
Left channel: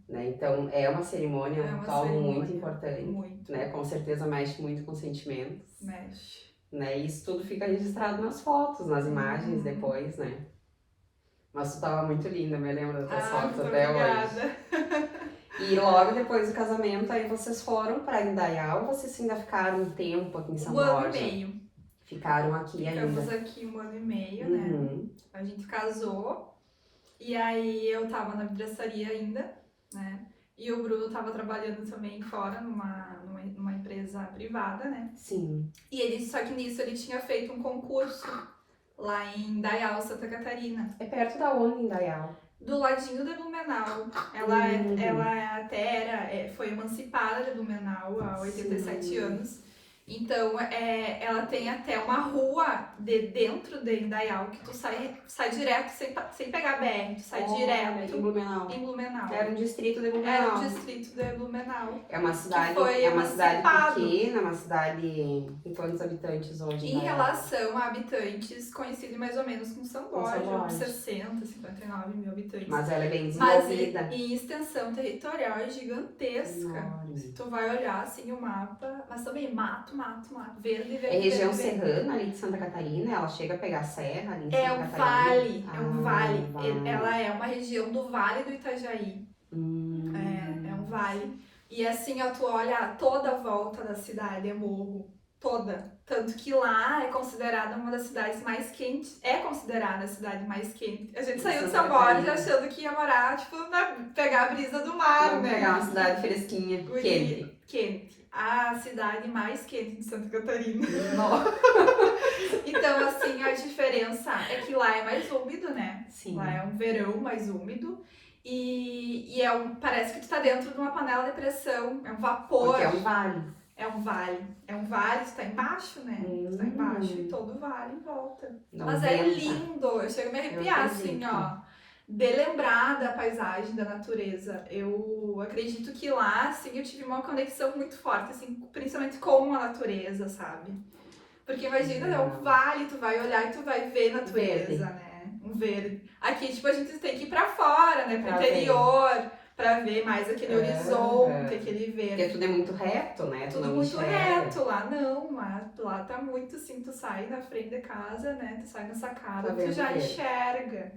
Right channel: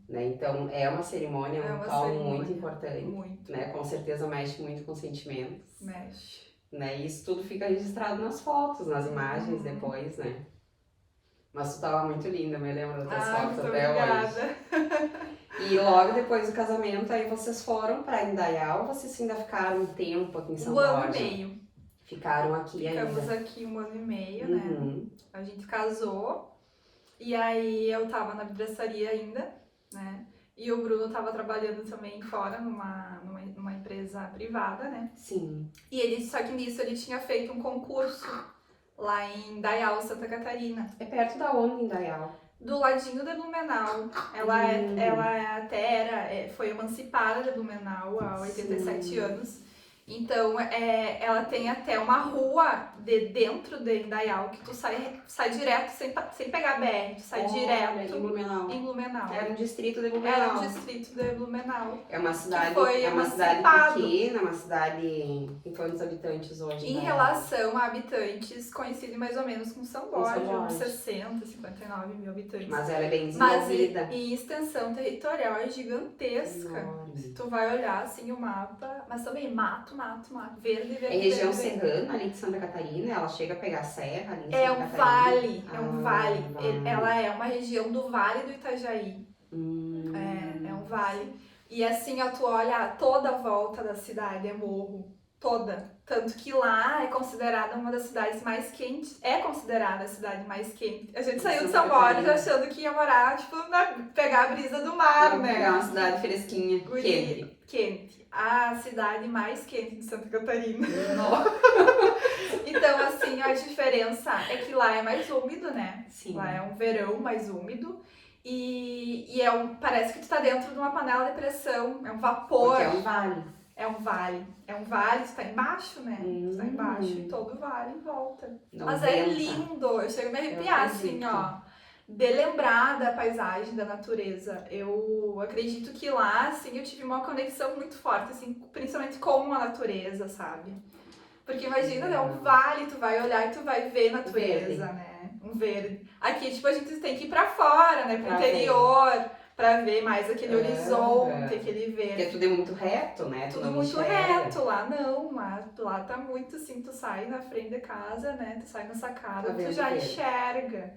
Né? Então, é uma cerimônia, um ritual muito importante. Muito. Né? Com certeza mexe muito com sentimentos. Mexe. Né? E isso tudo fica registrado nas fotos, nas imagens depois, né? Mas tu tava muito linda, me lembro das tuas fotos até hoje. E logo depois do casamento, aí vocês foram pra Indaial ou vocês ainda ficaram um tempo aqui em São Borja? 1 ano e meio. Ficaram aqui ainda? Ficamos aqui 1 ano e meio, né? A gente casou e aí eu tava na vidraçaria ainda, né? E o Bruno tava trabalhando também fora numa empresa privada, né? Sim. E só que nisso ele tinha feito um concurso lá em Indaial, Santa Catarina. É perto da onde, Indaial? Do ladinho de Blumenau. Foi emancipada de Blumenau há 87 anos. Então, ela tem até uma rua dentro de Indaial que tu sai direto sem pegar BR, tu sai direto em Blumenau. Era um distrito de Blumenau. É uma cidade, pequena, uma cidade com quantos habitantes hoje? Em relação a habitantes, coincide mais ou menos com São Borja, uns 60, 59 mil habitantes. Mas ela é bem desenvolvida. Mas em extensão territorial é gigantesca. Se tu vai olhar assim o mapa, mas também mato, verde. É região serrana ali de Santa Catarina, ela chega a pegar serra ali em Santa Catarina. É um vale. Ela é uma região do Vale do Itajaí. É um vale. E assim, tu olha toda a volta da cidade, é morro. Toda. Tanto que lá é considerada uma das cidades mais quentes. É considerada a cidade mais quente. A gente saiu de São Borja achando que ia morar, tipo, pegar a brisa do mar, né? Pegar uma cidade fresquinha, quente. A cidade mais quente de Santa Catarina. Então, assim, a diferença é que lá é mais úmido, né? Sim. Lá é um verão mais úmido. E parece que tu tá dentro de uma panela de pressão. É um vapor. Porque é um vale. É um vale, tu tá embaixo, né? Tu tá embaixo e todo o vale em volta. Mas venta. É lindo, eu chego a me arrepiar, assim, ó. De lembrar da paisagem, da natureza. Eu acredito que lá, assim, eu tive uma conexão muito forte, assim, principalmente com a natureza, sabe? Porque imagina, é um vale, tu vai olhar e tu vai ver natureza, né? Um verde. Aqui, tipo, a gente tem que ir pra fora, né? Pro interior. Pra ver mais aquele horizonte, aquele verde. Porque tudo é muito reto, né? Tudo muito reto. Lá não, lá tá muito assim, tu sai na frente da casa, né? Tu sai na sacada, tu já enxerga.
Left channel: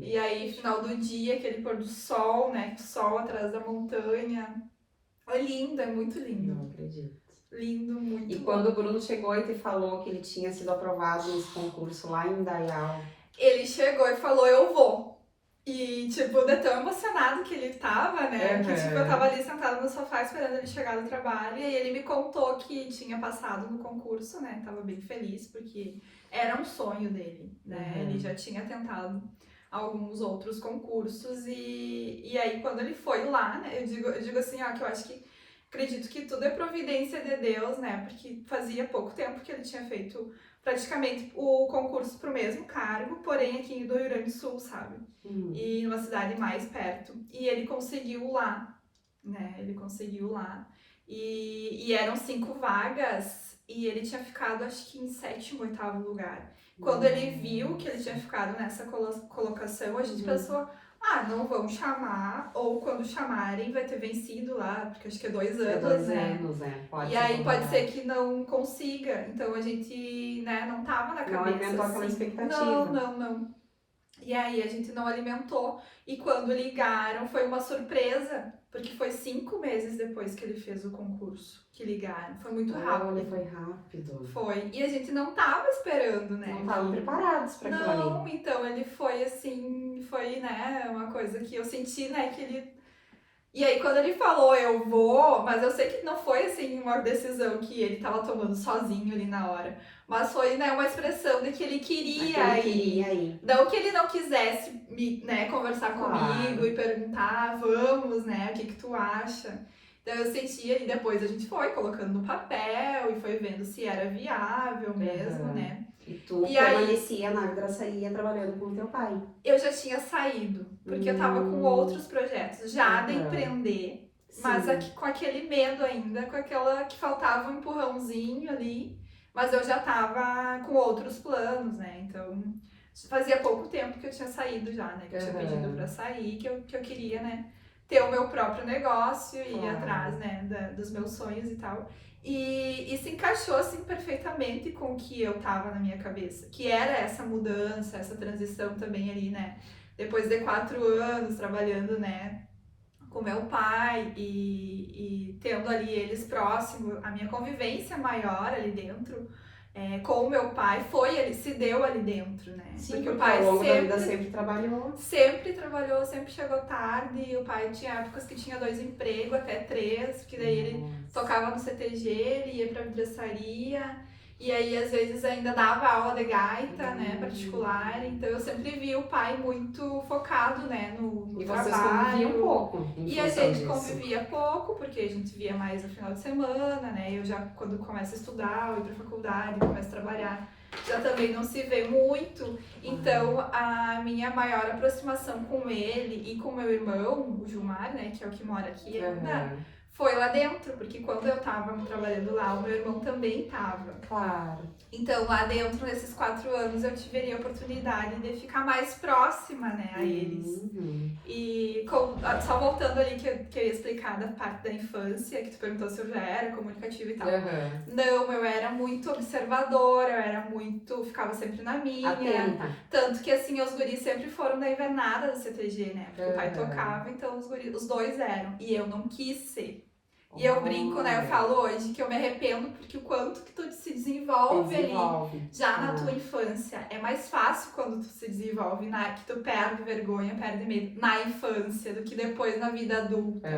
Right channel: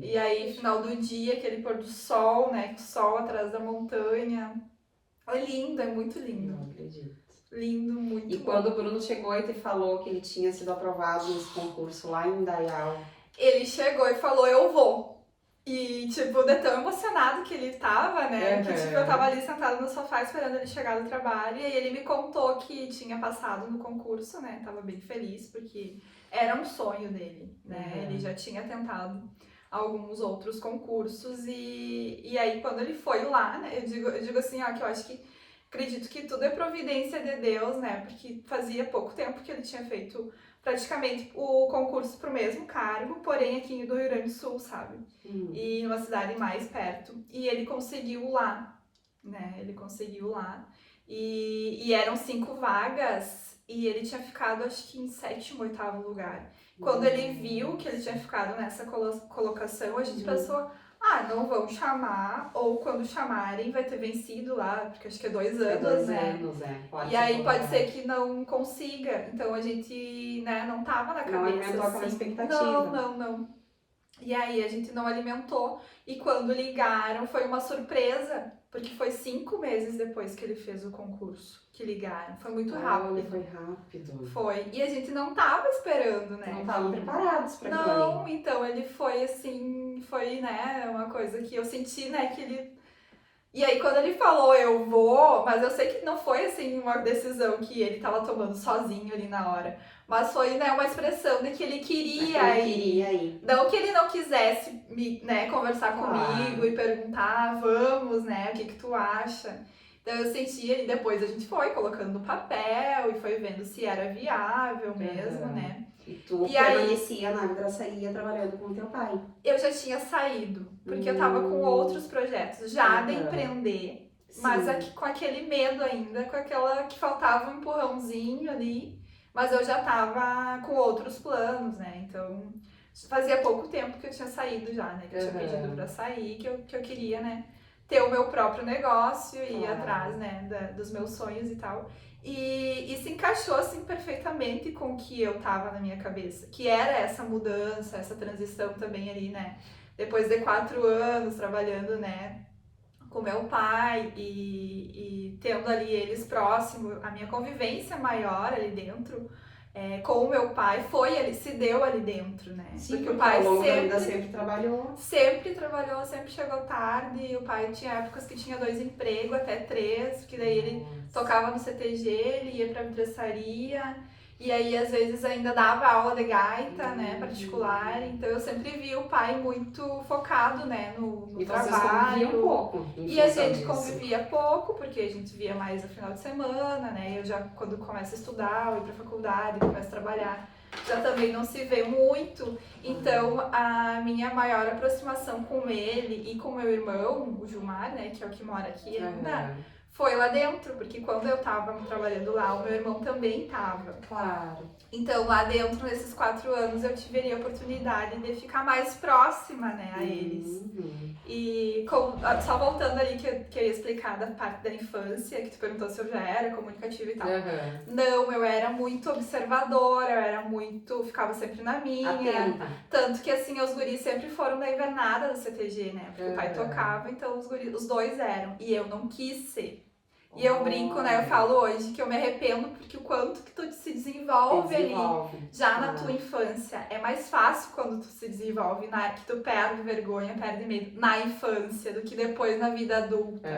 E aí, final do dia, aquele pôr do sol, né? O sol atrás da montanha. É lindo, é muito lindo. Não acredito. Lindo, muito. E quando o Bruno chegou e te falou que ele tinha sido aprovado nesse concurso lá em Indaial? Ele chegou e falou, eu vou. tipo, de tão emocionado que ele tava, né? Que, tipo, eu Aham. tava ali sentada no sofá esperando ele chegar do trabalho. E aí ele me contou que tinha passado no concurso, né? Tava bem feliz, porque era um sonho dele, né? Uhum. Ele já tinha tentado alguns outros concursos. E aí, quando ele foi lá, né? Eu digo assim, ó, que eu acho que acredito que tudo é providência de Deus, né? Porque fazia pouco tempo que ele tinha feito praticamente o concurso pro mesmo cargo, porém aqui do Rio Grande do Sul, sabe? E numa cidade mais perto. E ele conseguiu lá, né? Ele conseguiu lá. E eram 5 vagas e ele tinha ficado, acho que em 7º, 8º lugar. Quando ele viu que ele tinha ficado nessa colocação, a gente pensou, ah, não vão chamar, ou quando chamarem vai ter vencido lá, porque acho que é 2 anos, É 2 né? anos, Pode E aí ser pode ser que não consiga. Então a gente, né, não tava na cabeça. Não alimentou aquela assim. expectativa. Não. E aí a gente não alimentou. E quando ligaram, foi uma surpresa, porque foi 5 meses depois que ele fez o concurso que ligaram. Foi muito rápido. Olha, foi rápido. Foi. E a gente não tava esperando, né? Não estavam preparados para aquilo Não, ali. então ele foi assim, foi, né, uma coisa que eu senti, né, que ele... E aí quando ele falou, eu vou, mas eu sei que não foi assim uma decisão que ele tava tomando sozinho ali na hora. Mas foi, né, uma expressão de que ele queria ir. Não que ele não quisesse né, conversar comigo e perguntar, vamos, né, o que tu acha? Então eu sentia, e depois a gente foi colocando no papel e foi vendo se era viável mesmo, né? E tu permanecia na vidraçaria trabalhando com o teu pai? Eu já tinha saído, porque eu tava com outros projetos já de empreender, mas com aquele medo ainda, com aquela que faltava um empurrãozinho ali, mas eu já tava com outros planos, né? Então fazia pouco tempo que eu tinha saído já, né? Que eu tinha pedido pra sair, que eu queria, né? Ter o meu próprio negócio e ir atrás, né? Dos meus sonhos e tal. E se encaixou assim perfeitamente com o que eu tava na minha cabeça, que era essa mudança, essa transição também ali, né? Depois de 4 anos trabalhando, né, com meu pai e tendo ali eles próximos, a minha convivência maior ali dentro, com o meu pai ele se deu ali dentro, né? Sim, porque o pai ao longo da vida sempre trabalhou. Sempre trabalhou, sempre chegou tarde. O pai tinha épocas que tinha 2 empregos, até 3, porque daí ele tocava no CTG, ele ia pra vidraçaria. E aí, às vezes, ainda dava aula de gaita, né, particular. Então, eu sempre vi o pai muito focado, né, no e trabalho. E vocês conviviam pouco. E a gente convivia pouco, porque a gente via mais no final de semana, né. Eu já, quando começo a estudar, ou ir pra faculdade, começo a trabalhar, já também não se vê muito. Então, a minha maior aproximação com ele e com meu irmão, o Gilmar, né, que é o que mora aqui ainda, foi lá dentro, porque quando eu tava trabalhando lá, o meu irmão também tava. Claro. Então, lá dentro, nesses 4 anos, eu tive a oportunidade de ficar mais próxima, né, a eles. E só voltando ali que eu ia explicar da parte da infância, que tu perguntou se eu já era comunicativa e tal. Não, eu era muito observadora, ficava sempre na minha. Atenta. Tanto que, assim, os guris sempre foram na invernada do CTG, né, porque o pai tocava, então os 2 eram. E eu não quis ser. E eu brinco, né? Eu falo hoje que eu me arrependo porque o quanto que tu se desenvolve ali já na tua infância. É mais fácil quando tu se desenvolve, que tu perde vergonha, perde medo na infância do que depois na vida adulta.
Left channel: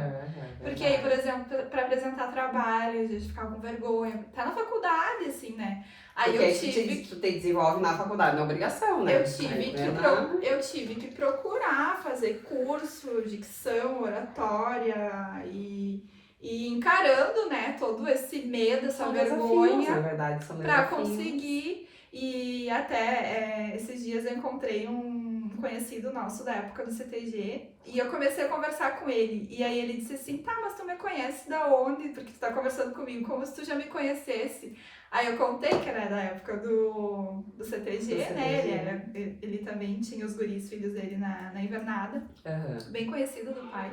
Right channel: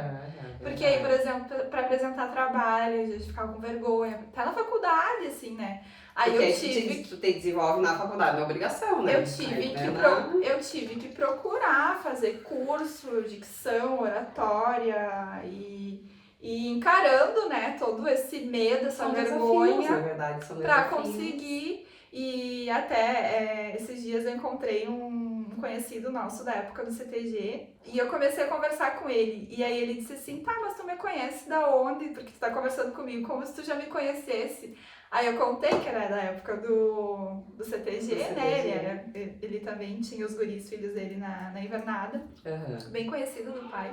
Porque aí, por exemplo, pra apresentar trabalho, a gente ficava com vergonha. Tá na faculdade, assim, né? Aí porque tu te desenvolve na faculdade, na obrigação, né? Eu tive que procurar fazer curso, dicção, oratória e encarando, né, todo esse medo, essa vergonha, na verdade, são pra conseguir. E até esses dias eu encontrei um conhecido nosso da época do CTG e eu comecei a conversar com ele. E aí ele disse assim, tá, mas tu me conhece da onde? Porque tu tá conversando comigo como se tu já me conhecesse. Aí eu contei que era da época do CTG, né? Ele também tinha os guris, filhos dele na invernada. Bem conhecido do pai.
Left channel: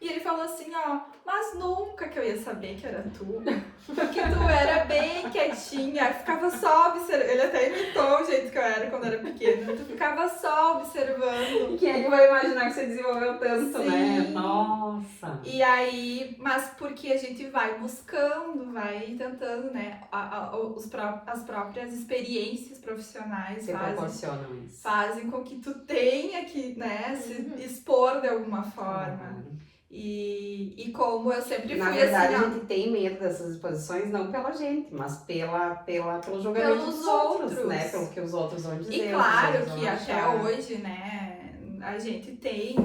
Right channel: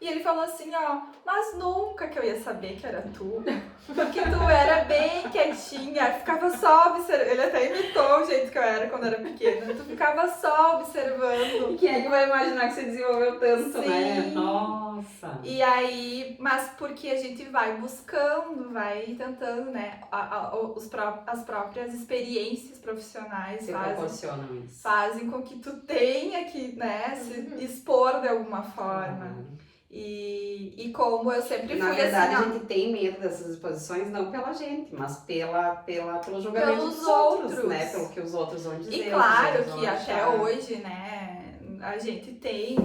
E ele falou assim, ó, mas nunca que eu ia saber que era tu. Porque tu era bem quietinha, ficava só observando. Ele até imitou o jeito que eu era quando era pequena. Tu ficava só observando. Quem é que vai imaginar que você desenvolveu tanto, Sim. né? Nossa! E aí, mas porque a gente vai buscando, vai tentando, né? As próprias experiências profissionais Você proporcionam isso. fazem com que tu tenha que, né, se expor de alguma forma. Claro. E como eu sempre fui Na verdade, assim, a gente tem medo dessas exposições não pela gente, mas pelo julgamento pelos dos outros, outros, né? Pelo que os outros vão dizer. E claro vão que até achar. hoje, né, a gente tem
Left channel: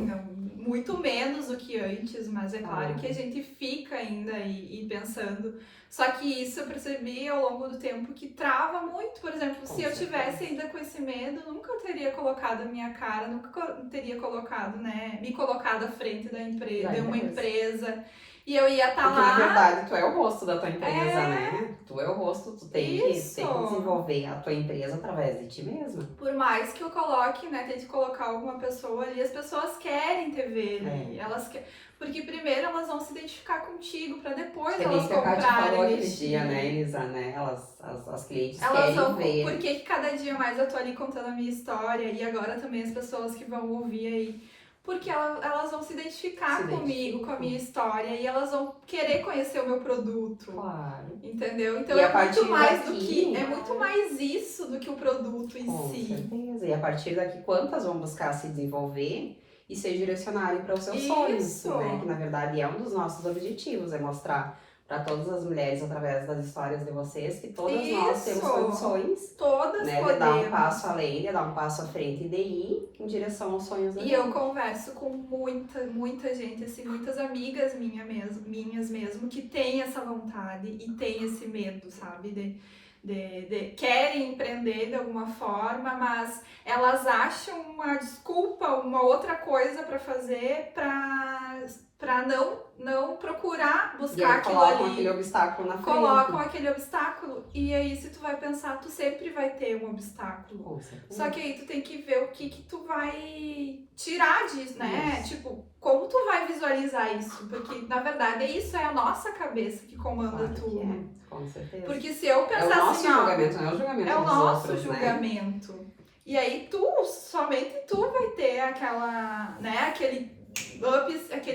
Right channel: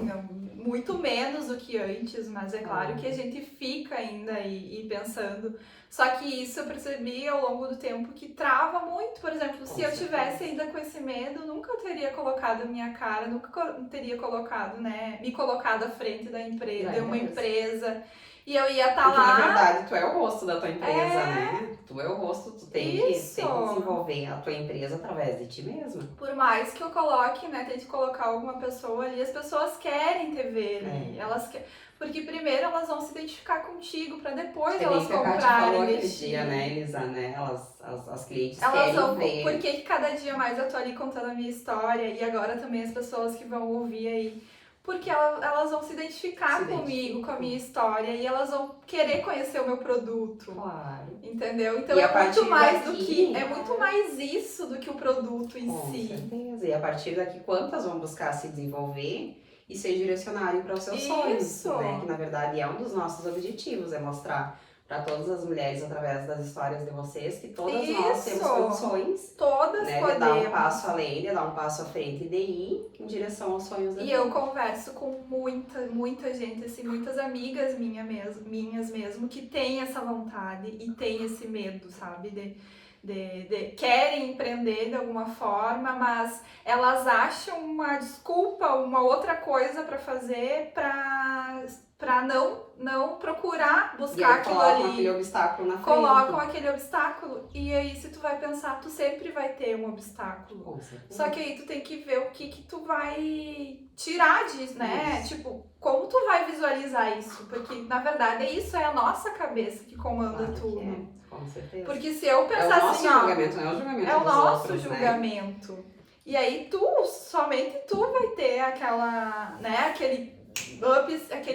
muito menos do que antes, mas é claro que a gente fica ainda e pensando. Só que isso eu percebi ao longo do tempo que trava muito. Por exemplo, se eu tivesse ainda com esse medo, nunca eu teria colocado a minha cara, nunca teria colocado, né, me colocado à frente da empresa, de uma empresa. E eu ia estar lá. Porque na verdade tu é o rosto da tua empresa, né? Tu é o rosto, tu tem que desenvolver a tua empresa através de ti mesma. Por mais que eu coloque, né, tente colocar alguma pessoa ali, as pessoas querem te ver ali. Elas querem. Porque primeiro elas vão se identificar contigo pra depois elas comprarem. Que a Kátia falou aquele dia, né, Elisa, né? As clientes querem ver. Por que cada dia mais eu tô ali contando a minha história e agora também as pessoas que vão ouvir aí. Porque elas vão se identificar comigo, com a minha história, e elas vão querer conhecer o meu produto. Claro. Entendeu? Então e é muito mais daqui, do que. É muito mais isso do que o produto em si. Com certeza. E a partir daqui, quantas vão buscar se desenvolver e ser direcionarem para os seus sonhos, né? Que na verdade é um dos nossos objetivos, é mostrar para todas as mulheres, através das histórias de vocês, que todas nós temos condições, todas né, de dar um passo além, de dar um passo à frente e de ir em direção aos sonhos da vida. E eu converso com muita gente, assim, muitas amigas minhas mesmo, que têm essa vontade e têm esse medo, sabe? Querem empreender de alguma forma, mas elas acham uma desculpa, uma outra coisa para fazer para não procurar buscar aquilo ali. Colocam aquele obstáculo na frente. Colocam aquele obstáculo e aí se tu vai pensar, tu sempre vai ter um obstáculo. Com certeza. Só que aí tu tem que ver o que tu vai tirar disso, né? Isso. Tipo, como tu vai visualizar isso? Porque na verdade isso é a nossa cabeça que comanda tudo. Que é. Com certeza. Porque se eu pensar assim, é o nosso julgamento, não é o julgamento dos outros, é o nosso julgamento. Né? E aí somente tu vai ter aquela, né, aquele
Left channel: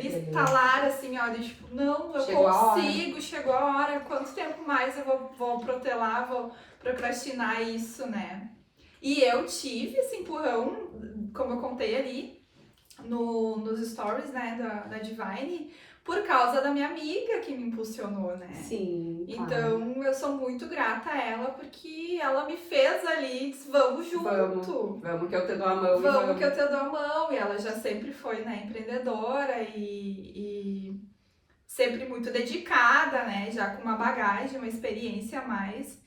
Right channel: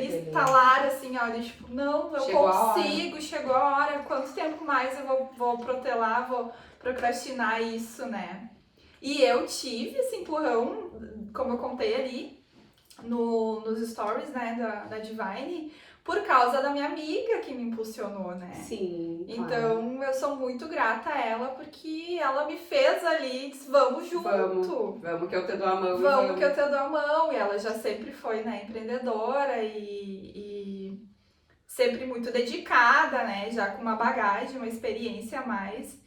estalar assim, ó, de tipo, não, eu consigo, chegou a hora, quanto tempo mais eu vou protelar, vou procrastinar isso, né? E eu tive esse empurrão, como eu contei ali nos stories, né, da Divine, por causa da minha amiga que me impulsionou, né? Sim, claro. Então, eu sou muito grata a ela, porque ela me fez ali, disse, vamos junto. Vamos que eu te dou a mão. Vamos que eu te dou a mão. E ela já sempre foi, né, empreendedora e sempre muito dedicada, né, já com uma bagagem, uma experiência a mais.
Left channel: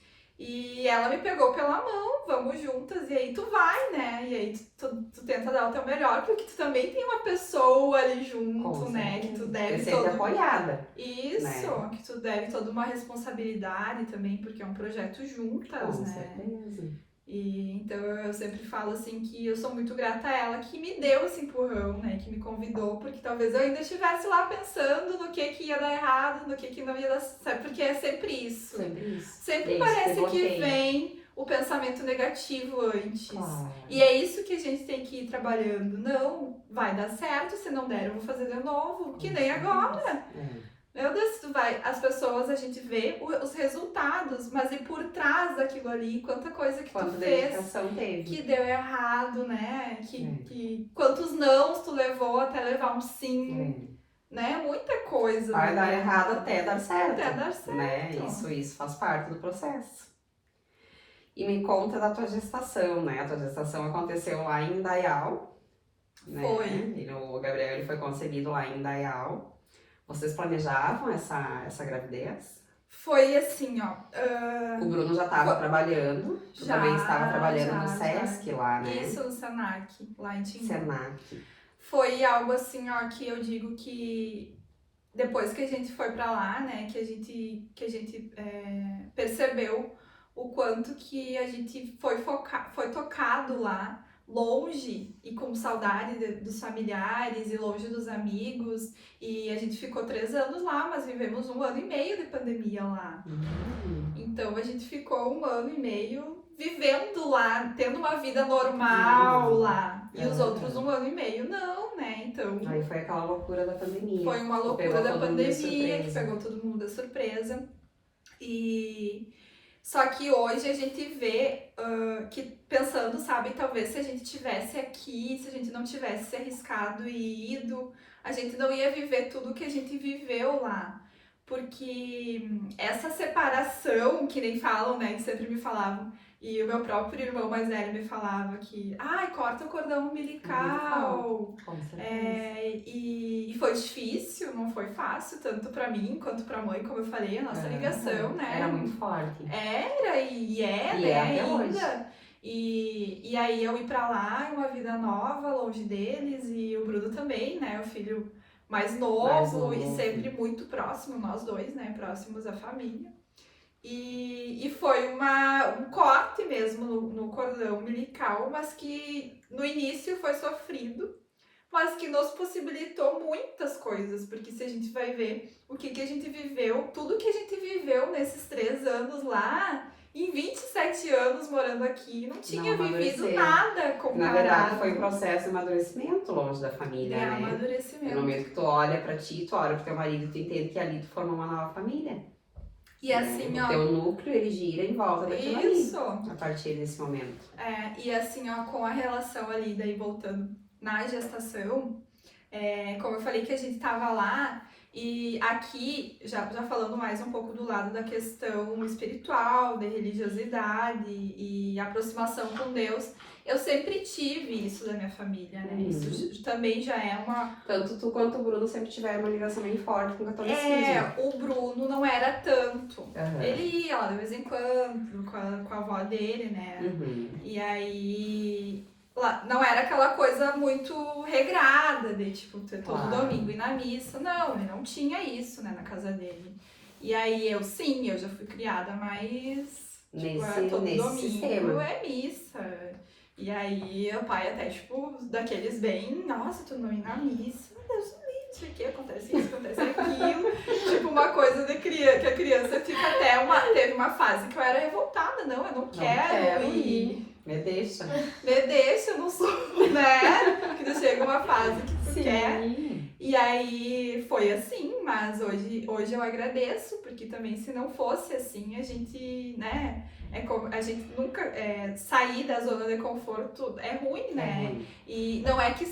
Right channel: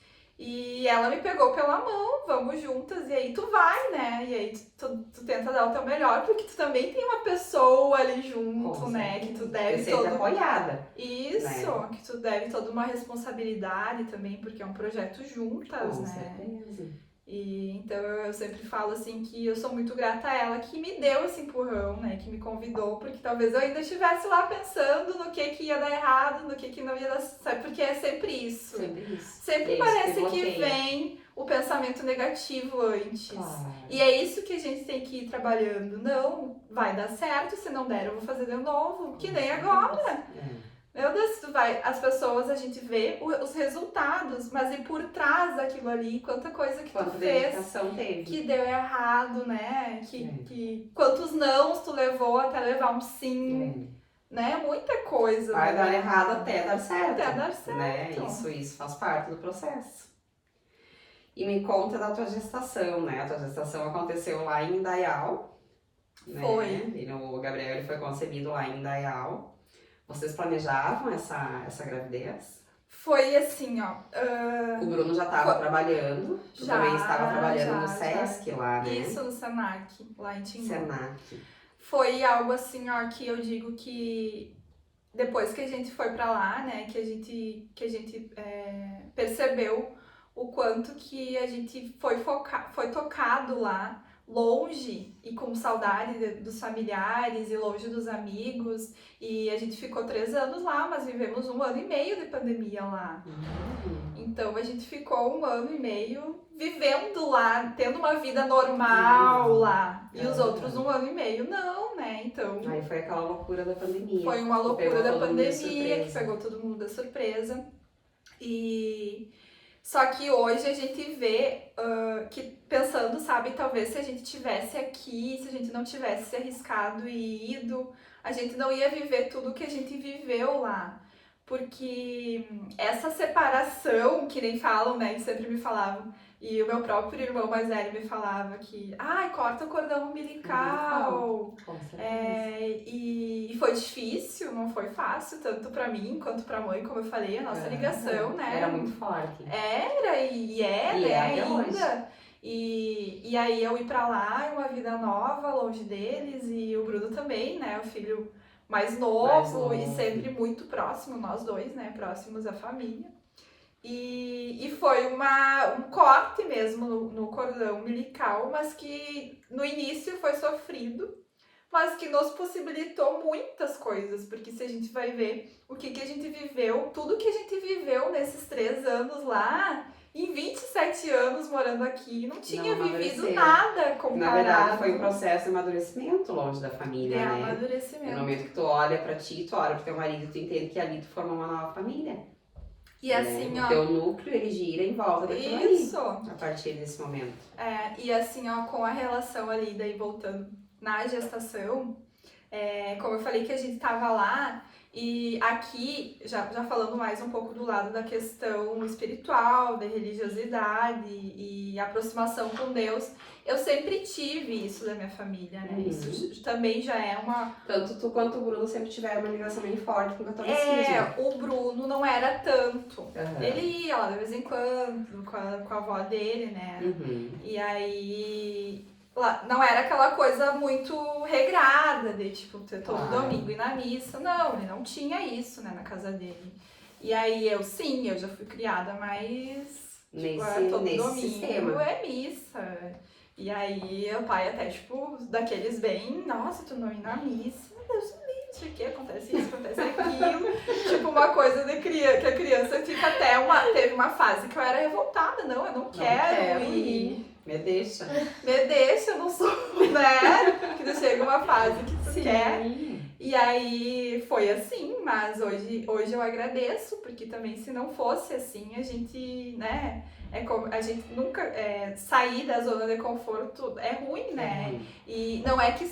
E ela me pegou pela mão, vamos juntas, e aí tu vai, né? E aí tu tenta dar o teu melhor, porque tu também tem uma pessoa ali junto, né? Que tu deve ser apoiada. Isso, né? Que tu deve toda uma responsabilidade também, porque é um projeto juntas, Com né? certeza. E então eu sempre falo assim que eu sou muito grata a ela que me deu esse empurrão, né? Que me convidou, porque talvez eu ainda estivesse lá pensando no que ia dar errado, no que não ia dar certo, porque é sempre isso. Sempre isso. Sempre parece que vem o pensamento negativo antes. Claro. E é isso que a gente tem que ir trabalhando. Não, vai dar certo, se não der eu vou fazer de novo, que nem agora. Meu Deus, as pessoas, a gente vê os resultados, mas e por trás daquilo ali, quanta coisa que tu fez teve. Que deu errado, né? Que quantos nãos tu levou até levar um sim, né? Muita coisa. Vai dar errado até dar certo. Até dar certo. Né? Isso faz parte do processo. E me conta da tua gestação, né? A tua gestação aconteceu lá em Indaial. Né? Foi. E o Gabriel ele foi concebido lá em Indaial. Vocês planejavam essa gravidez? Foi assim, ó. O Bruno já estava trabalhando. Tu também estava trabalhando no Sesc lá, né? Isso, no Senac, lá em Timbu. Senac. Foi algo assim, ó, que eu digo que depois que a gente foi pra lá, né, que a gente percebeu o quanto que a gente foi tocado lá, longe e com saudade dos familiares e longe dos amigos. E a gente ficou 3 anos lá, mas vivemos 1 ano e meio de pandemia lá. Então a gente ficou 1 ano e meio vivendo lá, tendo uma vida normal lá. E os outros 1 ano e meio não, né? Então. Aí foi aquela loucura da pandemia. Foi uma loucura da pandemia que pegou todo mundo de surpresa. E só que hoje a gente vê que pensando, sabe, talvez se a gente tivesse aqui, se a gente não tivesse se arriscado e ido, a gente não ia viver tudo que a gente viveu lá. Porque essa separação, que nem falam, né, que sempre me falavam, e o meu próprio irmão mais velho me falava que, ai, corta o cordão umbilical. Com certeza. E foi difícil, não foi fácil, tanto pra mim quanto pra mãe, como eu falei, a nossa ligação, né? Era muito forte. Era e é, E né, é até ainda. E aí eu ir pra lá, uma vida nova, longe deles, e o Bruno também, né, o filho mais novo e sempre muito próximo, nós dois, né, próximos à família. E foi um corte mesmo no cordão umbilical, mas que no início foi sofrido, mas que nos possibilitou muitas coisas, porque se a gente vai ver o que a gente viveu, tudo que a gente viveu nesses 3 anos lá, em 27 anos morando aqui, não tinha vivido nada comparado. Na verdade, foi um processo de amadurecimento longe da família, né? Amadurecimento. No momento que tu olha pra ti, tu olha pro teu marido, tu entende que ali tu formou uma nova família. E assim, ó. O teu núcleo, ele gira em volta daquilo ali. A partir desse momento. E assim, ó, com a relação ali, daí voltando na gestação, como eu falei que a gente tava lá, e aqui, já falando mais um pouco do lado da questão espiritual, da religiosidade e aproximação com Deus, eu sempre tive isso da minha família, né? Isso também já é uma... Tanto tu quanto o Bruno sempre tiveram uma ligação bem forte com o catolicismo. O Bruno não era tanto. Ele ia lá de vez em quando, com a avó dele, né? E aí... Lá, não era aquela coisa muito regrada de, tipo, todo domingo ir na missa. Não, ele não tinha isso, né, na casa dele. E aí eu já fui criada mais... Nesse domingo sistema. É missa. E aí o pai até, tipo, daqueles bem, nossa, tu não ir na missa, meu Deus, isso aqui, acontece isso, acontece aquilo. Tipo, uma coisa de criança, que a criança fica até teve uma fase que eu era revoltada, não, eu não quero ir. Me deixa, eu não sou, né? Que chega uma fase que tu quer. E aí foi assim, mas hoje eu agradeço, porque também se não fosse assim, a gente, né? A gente nunca sair da zona de conforto é ruim, né? E não é que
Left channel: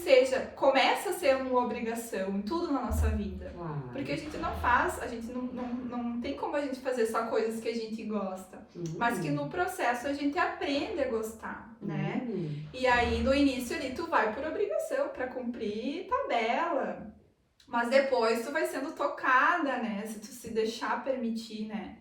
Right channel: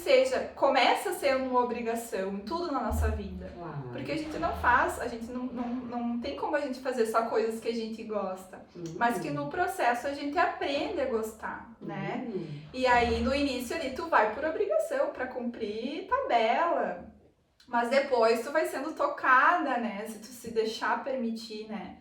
começa a ser uma obrigação em tudo na nossa vida. Porque a gente não faz, a gente não tem como a gente fazer só coisas que a gente gosta. Mas que no processo a gente aprende a gostar, né? E aí no início ali tu vai por obrigação, pra cumprir tabela. Mas depois tu vai sendo tocada, né? Se tu se deixar permitir, né?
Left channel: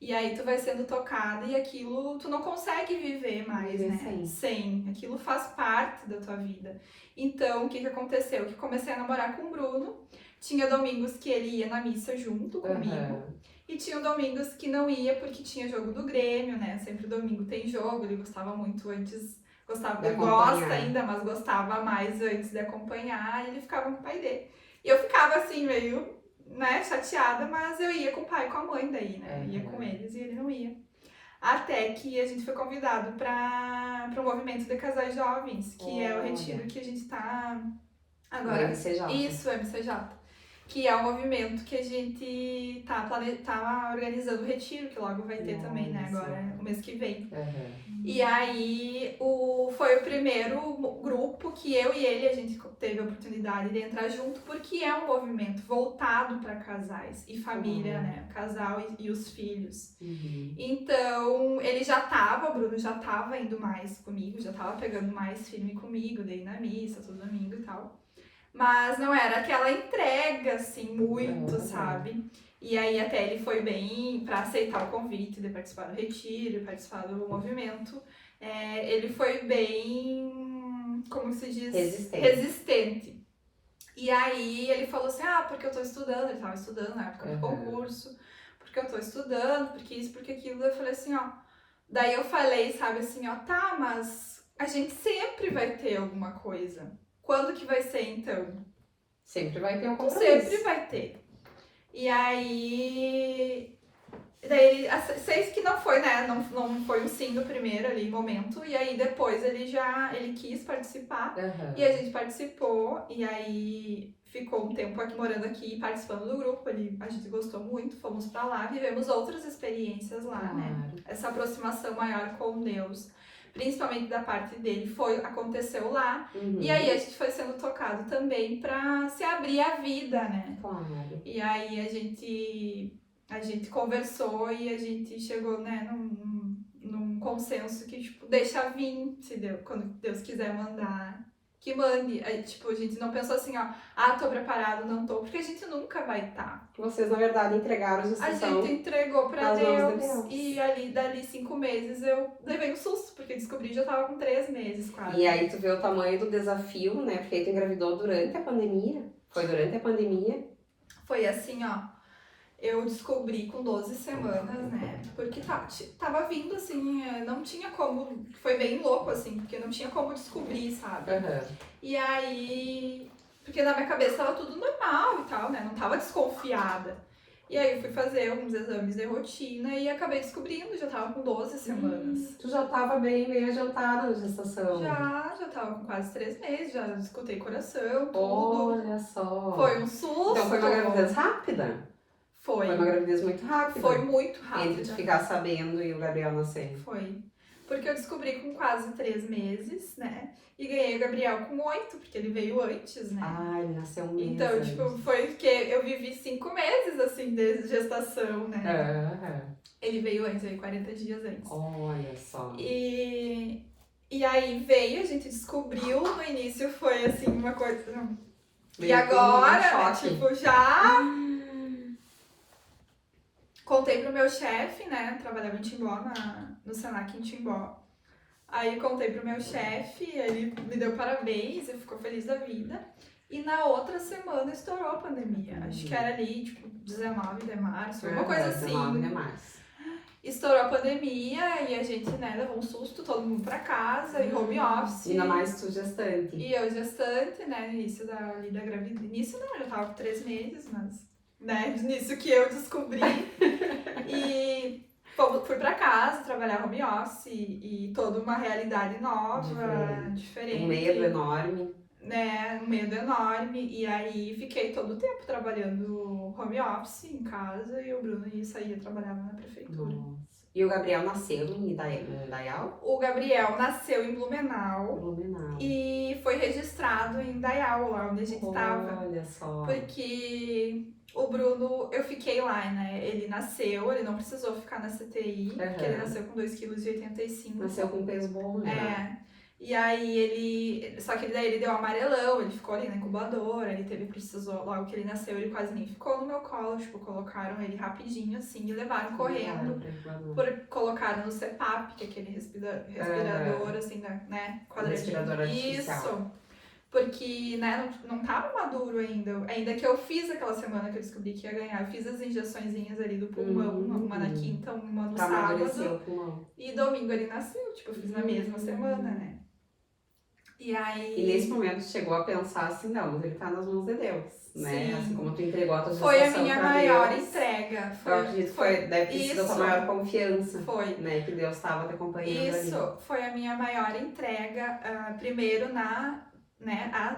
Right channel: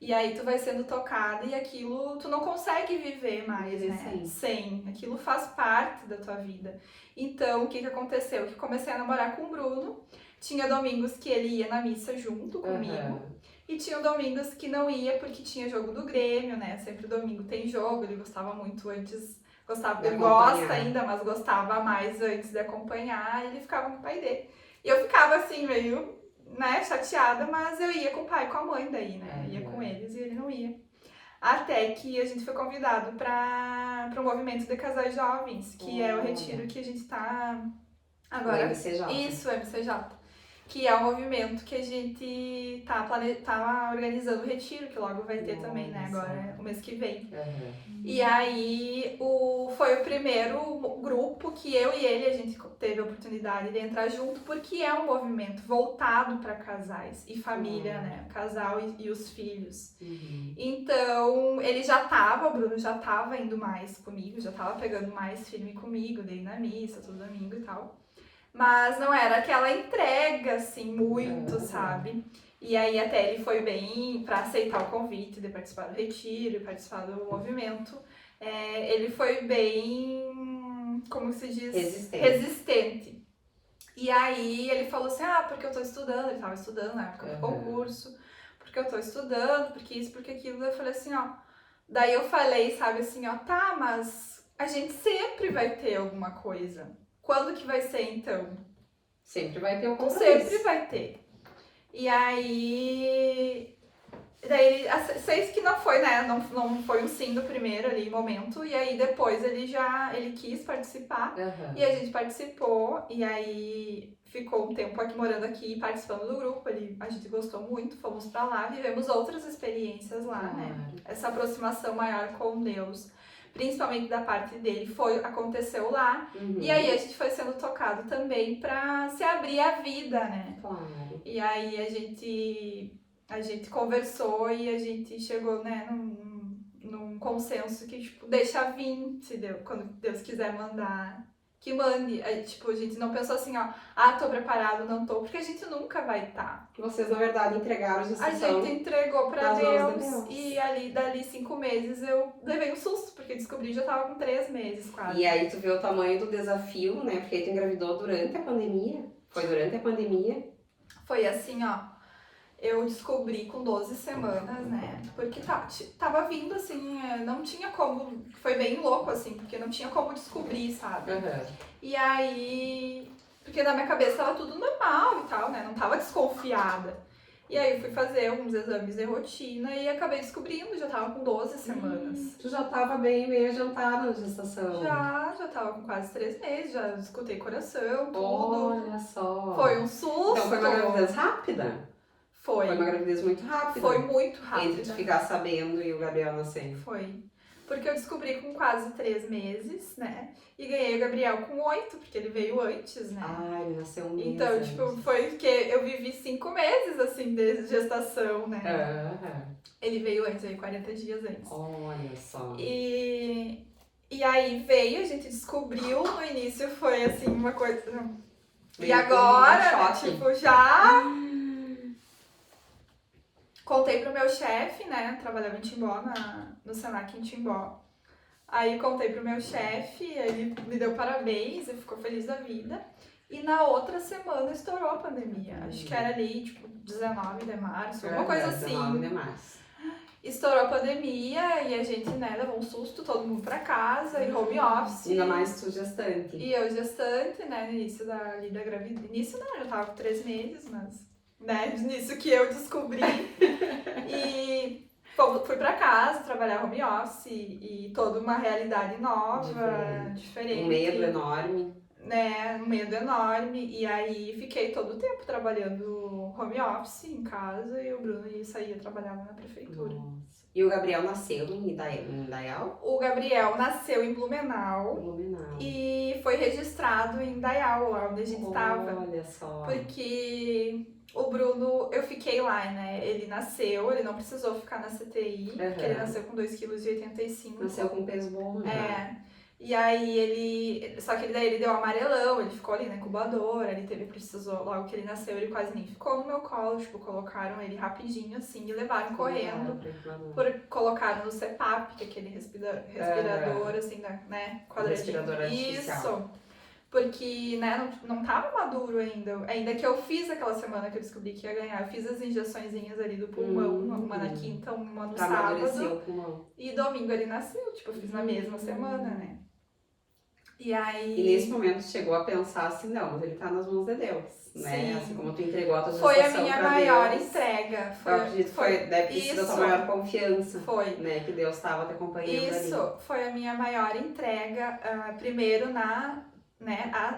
E aí tu vai sendo tocada e aquilo tu não consegue viver mais, né? Sem. Aquilo faz parte da tua vida. Então, o que aconteceu? Que comecei a namorar com o Bruno. Tinha domingos que ele ia na missa junto comigo. E tinha domingos que não ia porque tinha jogo do Grêmio, né? Sempre domingo tem jogo. Ele gostava muito antes. Ele gosta ainda, mas gostava mais antes de acompanhar. E ele ficava com o pai dele. E eu ficava assim, meio... né, chateada, mas eu ia com o pai e com a mãe daí, né, ia com eles e ele não ia. Até que a gente foi convidado para o movimento de casais jovens, que é o retiro que a gente tá agora. O MCJ. Isso, o MCJ. Que é o movimento que a gente tá organizando o retiro, que logo vai ter também, né, agora, o mês que vem. E aí, foi o primeiro grupo que eu e ele, a gente teve a oportunidade de entrar junto, porque é um movimento voltado para casais e família, né, o casal e os filhos. Então, o Bruno já tava indo mais comigo, já tava pegando mais firme comigo, daí na missa, todo domingo e tal. Mas não era aquela entrega, assim, muito, sabe? E aí até ele foi bem para aceitar o convite de participar do retiro, participar do movimento. Ele foi bem, como se diz? Resistente. E aí ele falou assim, porque eu tô estudando, ele tava estudando na época do concurso, porque eu tô estudando, porque isso, porque aquilo. Eu falei assim, daí eu falei, sabe, assim, tá, mas... a gente sempre vai ter alguma coisa. Quando que vai ser, então? Sempre vai ter um compromisso. Sempre vai ter. E aí... Daí, seis que não foi, né? Não foi o sim do primeiro ali, momento. E aí, depois, ele quis participar. Uhum. E a gente participou. E aí, ficou um tempo aqui, morando aqui, participando do grupo. A gente gostou muito, fomos pra lá. Vivemos outras experiências lá, né? Essa aproximação maior com Deus. Principalmente da parte dele, aconteceu lá. Uhum. E aí, a gente foi sendo tocado também pra se abrir a vida, né? Claro. E aí, a gente conversou e a gente chegou, né, num consenso que, tipo, deixa vir, quando Deus quiser mandar, que mande. Aí, tipo, a gente não pensou assim, ó, tô preparado, não tô, porque a gente nunca vai estar. Vocês, na verdade, entregaram a gestação. A gente entregou pra nas mãos de Deus. Deus. E dali 5 meses eu levei um susto, porque eu descobri que já tava com 3 meses quase. E aí tu vê o tamanho do desafio, né? Porque aí tu engravidou durante a pandemia. Foi durante a pandemia. Foi assim, ó. Eu descobri com 12 semanas, né? Porque tava vindo assim, não tinha como. Foi bem louco, assim, porque não tinha como descobrir, sabe? Uhum. E aí. Porque na minha cabeça tava tudo normal e tal, né? Não tava desconfiada. E aí eu fui fazer uns exames de rotina e acabei descobrindo, já tava com 12 semanas. Tu já tava bem meio adiantada na gestação. Já tava com quase 3 meses, já escutei coração, tudo. Olha só. Foi um susto. Então foi uma gravidez rápida? Foi uma gravidez muito rápida. Foi muito rápida. Entre tu ficar sabendo e o Gabriel nascer. Foi. Porque eu descobri com quase 3 meses, né? E ganhei o Gabriel com 8, porque ele veio antes, né? Ai, ele nasceu um mês Então, antes. tipo, foi porque eu vivi 5 meses, assim, de gestação, né? Uhum. Ele veio antes, veio 40 dias antes. Olha só. E aí veio, a gente descobriu, no início foi, assim, uma coisa... E agora, tipo, já... Contei pro meu chefe, né? Trabalhava em Timbó, no Senac em Timbó. Aí contei pro meu chefe, ele me deu parabéns, ele ficou feliz da vida. E na outra semana estourou a pandemia. Acho que era ali, tipo, 19 de março, alguma coisa assim. 19 de março. Estourou a pandemia e a gente, né, levou um susto, todo mundo pra casa, e home office. Ainda mais tu gestante. E eu gestante, né, no início da gravidez. Início não, eu já tava com 3 meses, mas... né, nisso que eu descobri. E fui pra casa trabalhar home office e toda uma realidade nova, diferente. Um medo enorme. Né, um medo enorme. E aí fiquei todo o tempo trabalhando home office em casa e o Bruno saía trabalhar na prefeitura. Nossa. E o Gabriel nasceu em Indaial? O Gabriel nasceu em Blumenau. E foi registrado em Indaial, lá onde a gente estava. Olha só. Porque o Bruno, eu fiquei lá, né? Ele nasceu, ele não precisou ficar na CTI, porque ele nasceu com 2,85 kg. Nasceu com peso bom, né? E aí só que daí ele deu um amarelão, ele ficou ali na incubadora, precisou, logo que ele nasceu, ele quase nem ficou no meu colo, tipo, colocaram ele rapidinho assim e levaram correndo, colocaram no CPAP, que é aquele respirador, assim, né, respirador artificial. Isso, porque, né, não tava maduro ainda que eu fiz aquela semana que eu descobri que ia ganhar, eu fiz as injeçõezinhas ali do pulmão, uma na quinta, uma no sábado, o pulmão. E domingo ele nasceu, tipo, eu fiz na mesma semana, né. E aí... E nesse momento chegou a pensar assim, não, mas ele tá nas mãos de Deus, né? Sim. Assim como tu entregou a tua gestação Foi a minha maior Deus, entrega. Eu acredito que deve ter sido a tua maior confiança. Foi. Né? Que Deus estava te acompanhando ali. Isso, foi a minha maior entrega, primeiro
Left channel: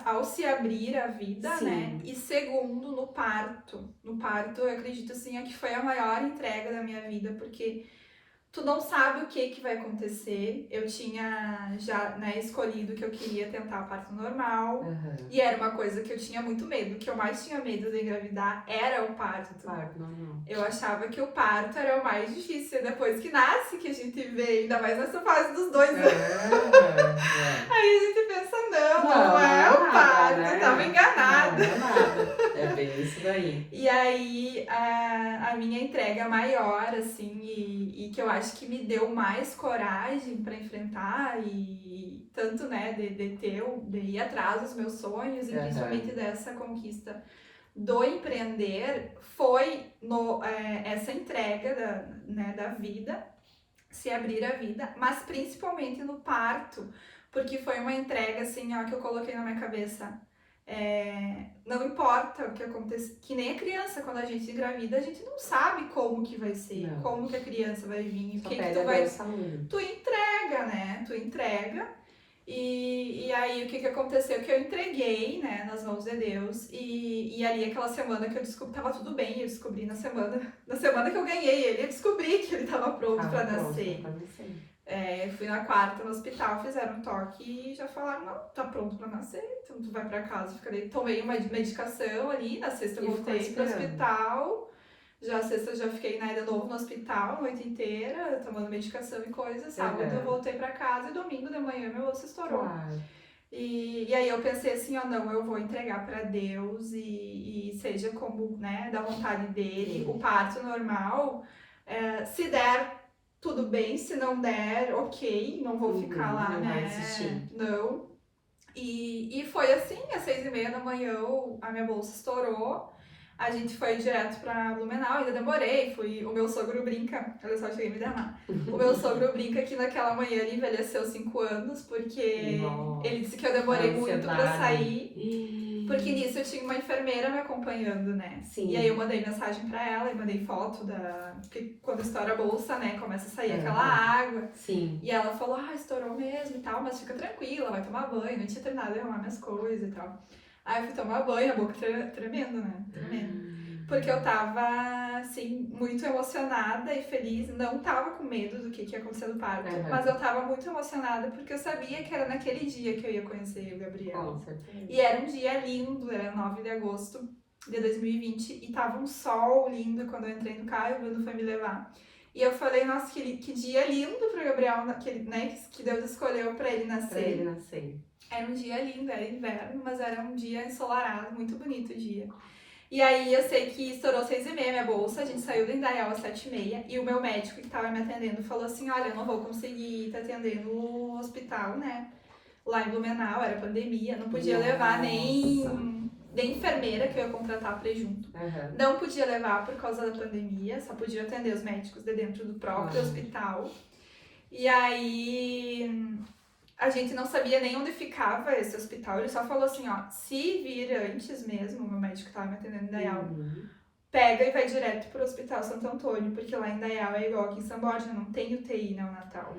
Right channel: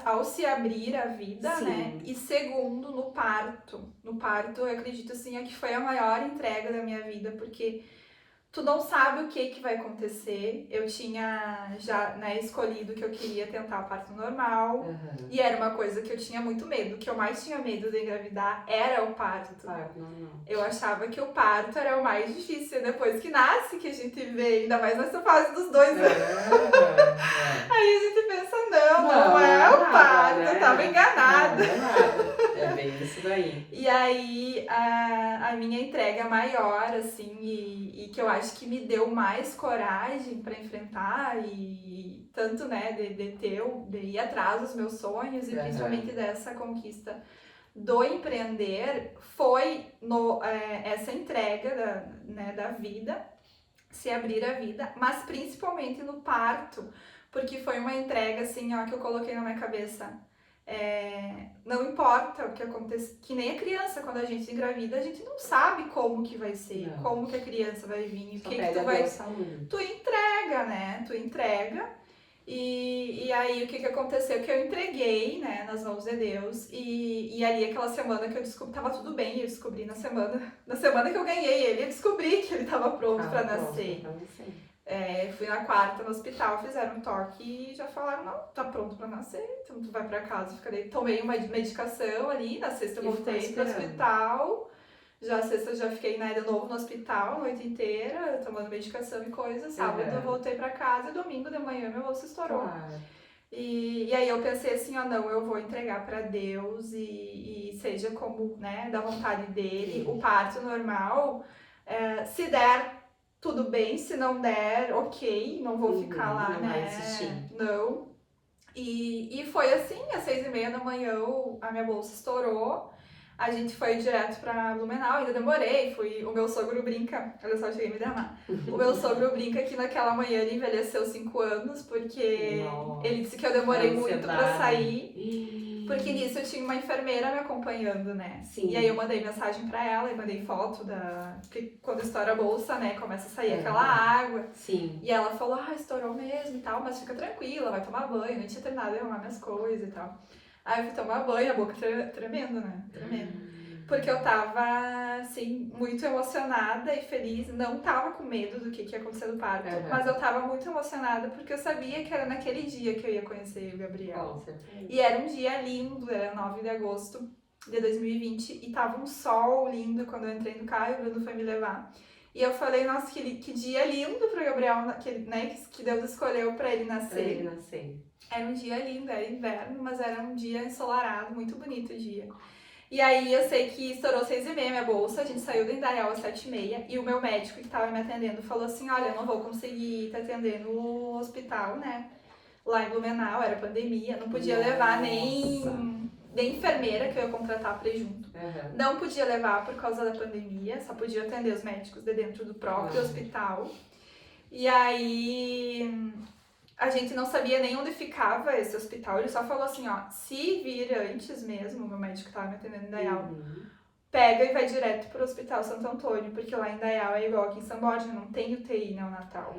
ao se abrir a vida, Sim. né? E segundo, no parto. No parto, eu acredito, assim, que foi a maior entrega da minha vida, porque... Tu não sabe o que vai acontecer. Eu tinha já, né, escolhido que eu queria tentar o parto normal. Uhum. E era uma coisa que eu tinha muito medo. O que eu mais tinha medo de engravidar era o parto. Normal. Eu achava que o parto era o mais difícil. Depois que nasce, que a gente vê, ainda mais nessa fase dos 2 anos. Aí a gente pensa, não é o parto. Né? Eu tava enganada. Não é nada. É bem isso daí. E aí, a minha entrega maior, assim, e que eu acho que me deu mais coragem para enfrentar e tanto, né, de ir atrás dos meus sonhos e principalmente dessa conquista do empreender foi essa entrega da vida, se abrir a vida, mas principalmente no parto, porque foi uma entrega, assim, ó, que eu coloquei na minha cabeça. Não importa o que acontece, que nem a criança, quando a gente engravida, a gente não sabe como que vai ser, como que a criança vai vir, o que tu vai... Tu entrega, né? Tu entrega. E aí o que aconteceu? Que eu entreguei, né, nas mãos de Deus, e ali aquela semana que eu descobri, tava tudo bem, eu descobri na semana que eu ganhei ele, eu descobri que ele tava pronto pra nascer. Fui na quarta no hospital, fizeram um toque e já falaram, não, tá pronto pra nascer, então tu vai pra casa. Tomei uma medicação ali, na sexta eu voltei pro hospital. Já a sexta eu já fiquei de novo no hospital a noite inteira, tomando medicação e coisas. Sábado eu voltei pra casa e domingo de manhã meu osso estourou. E aí eu pensei assim, ó, não, eu vou entregar pra Deus e seja como, né, da vontade dele. O parto normal, se der, tudo bem, se não der, ok, não vou ficar lá, né? Não. E foi assim, às 6h30 da manhã a minha bolsa estourou. A gente foi direto pra Blumenau, ainda demorei, o meu sogro brinca, olha só, eu cheguei a me derramar. O meu sogro brinca que naquela manhã ele envelheceu 5 anos, porque ele disse que eu demorei muito pra sair, porque nisso eu tinha uma enfermeira me acompanhando, né? Sim. E aí eu mandei mensagem pra ela e mandei foto porque quando estoura a bolsa, né, começa a sair aquela água. Sim. E ela falou, estourou mesmo e tal, mas fica tranquila, vai tomar banho, nem tinha terminado de arrumar minhas coisas e tal. Aí eu fui tomar banho, a boca tremendo, né? Tremendo. Porque eu tava, assim, muito emocionada e feliz. Não tava com medo do que ia acontecer no parto, mas eu tava muito emocionada porque eu sabia que era naquele dia que eu ia conhecer o Gabriel. E era um dia lindo, era 9 de agosto de 2020 e tava um sol lindo quando eu entrei no carro e o Bruno foi me levar. E eu falei, nossa, que dia lindo pro Gabriel, que Deus escolheu pra ele nascer. Era um dia lindo, era inverno, mas era um dia ensolarado, muito bonito o dia. E aí eu sei que estourou 6h30 minha bolsa, a gente saiu de Indaial às 7h30 e o meu médico que tava me atendendo falou assim, olha, eu não vou conseguir te atender no hospital, né? Lá em Blumenau, era pandemia, não podia levar nem enfermeira que eu ia contratar pra ir junto. Não podia levar por causa da pandemia, só podia atender os médicos de dentro do próprio hospital. E aí a gente não sabia nem onde ficava esse hospital, ele só falou assim, ó, se vir antes mesmo, o meu médico que tava me atendendo em Indaial, pega e vai direto pro Hospital Santo Antônio, porque lá em Indaial é igual aqui em São Borja, não tem UTI neonatal.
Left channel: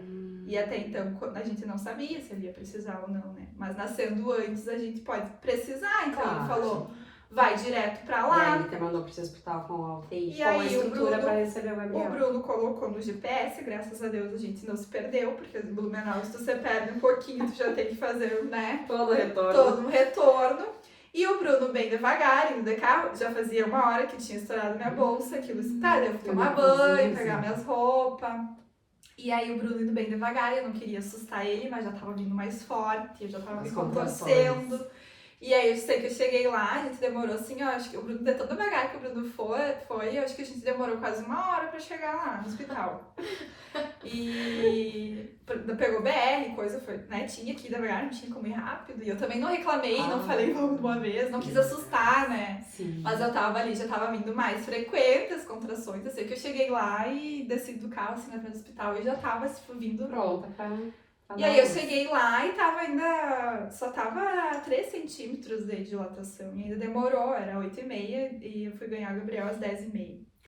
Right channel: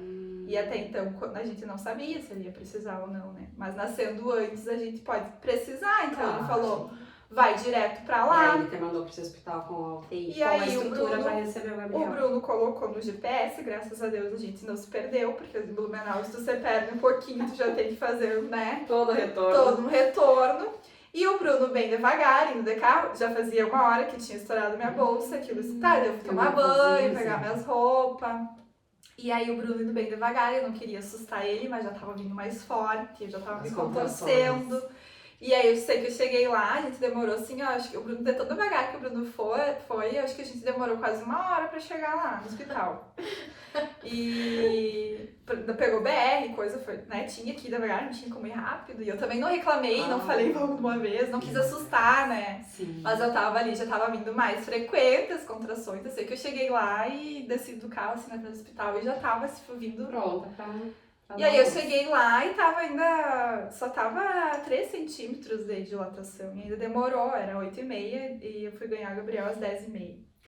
E até então a gente não sabia se ele ia precisar ou não, né? Mas nascendo antes a gente pode precisar, então ele falou, vai direto pra lá. E aí ele te mandou pro seu hospital com a UTI, com a estrutura pra receber o Gabriel. O Bruno colocou no GPS, graças a Deus a gente não se perdeu, porque em Blumenau, se tu se perde um pouquinho, tu já tem que fazer, né? Todo um retorno. E o Bruno bem devagar, indo de carro, já fazia 1 hora que tinha estourado minha bolsa, aquilo assim, eu fui tomar banho, pegar minhas roupas. E aí o Bruno indo bem devagar, eu não queria assustar ele, mas já tava vindo mais forte, eu já tava me contorcendo. E aí eu sei que eu cheguei lá, a gente demorou assim, ó, acho que o Bruno, de tão devagar que o Bruno foi, acho que a gente demorou quase 1 hora pra chegar lá no hospital. E pegou BR, coisa, foi, né, tinha que ir devagar, não tinha como ir rápido. E eu também não reclamei, não falei vamos de uma vez, não quis assustar, né? Sim. Mas eu tava ali, já tava vindo mais frequente as contrações. Eu sei que eu cheguei lá e desci do carro, assim, na frente do hospital e já tava, assim, vindo pronta pra... E aí eu cheguei lá e tava ainda, só tava 3 centímetros de dilatação, e ainda demorou, era 8h30 e eu fui ganhar o Gabriel às 10h30.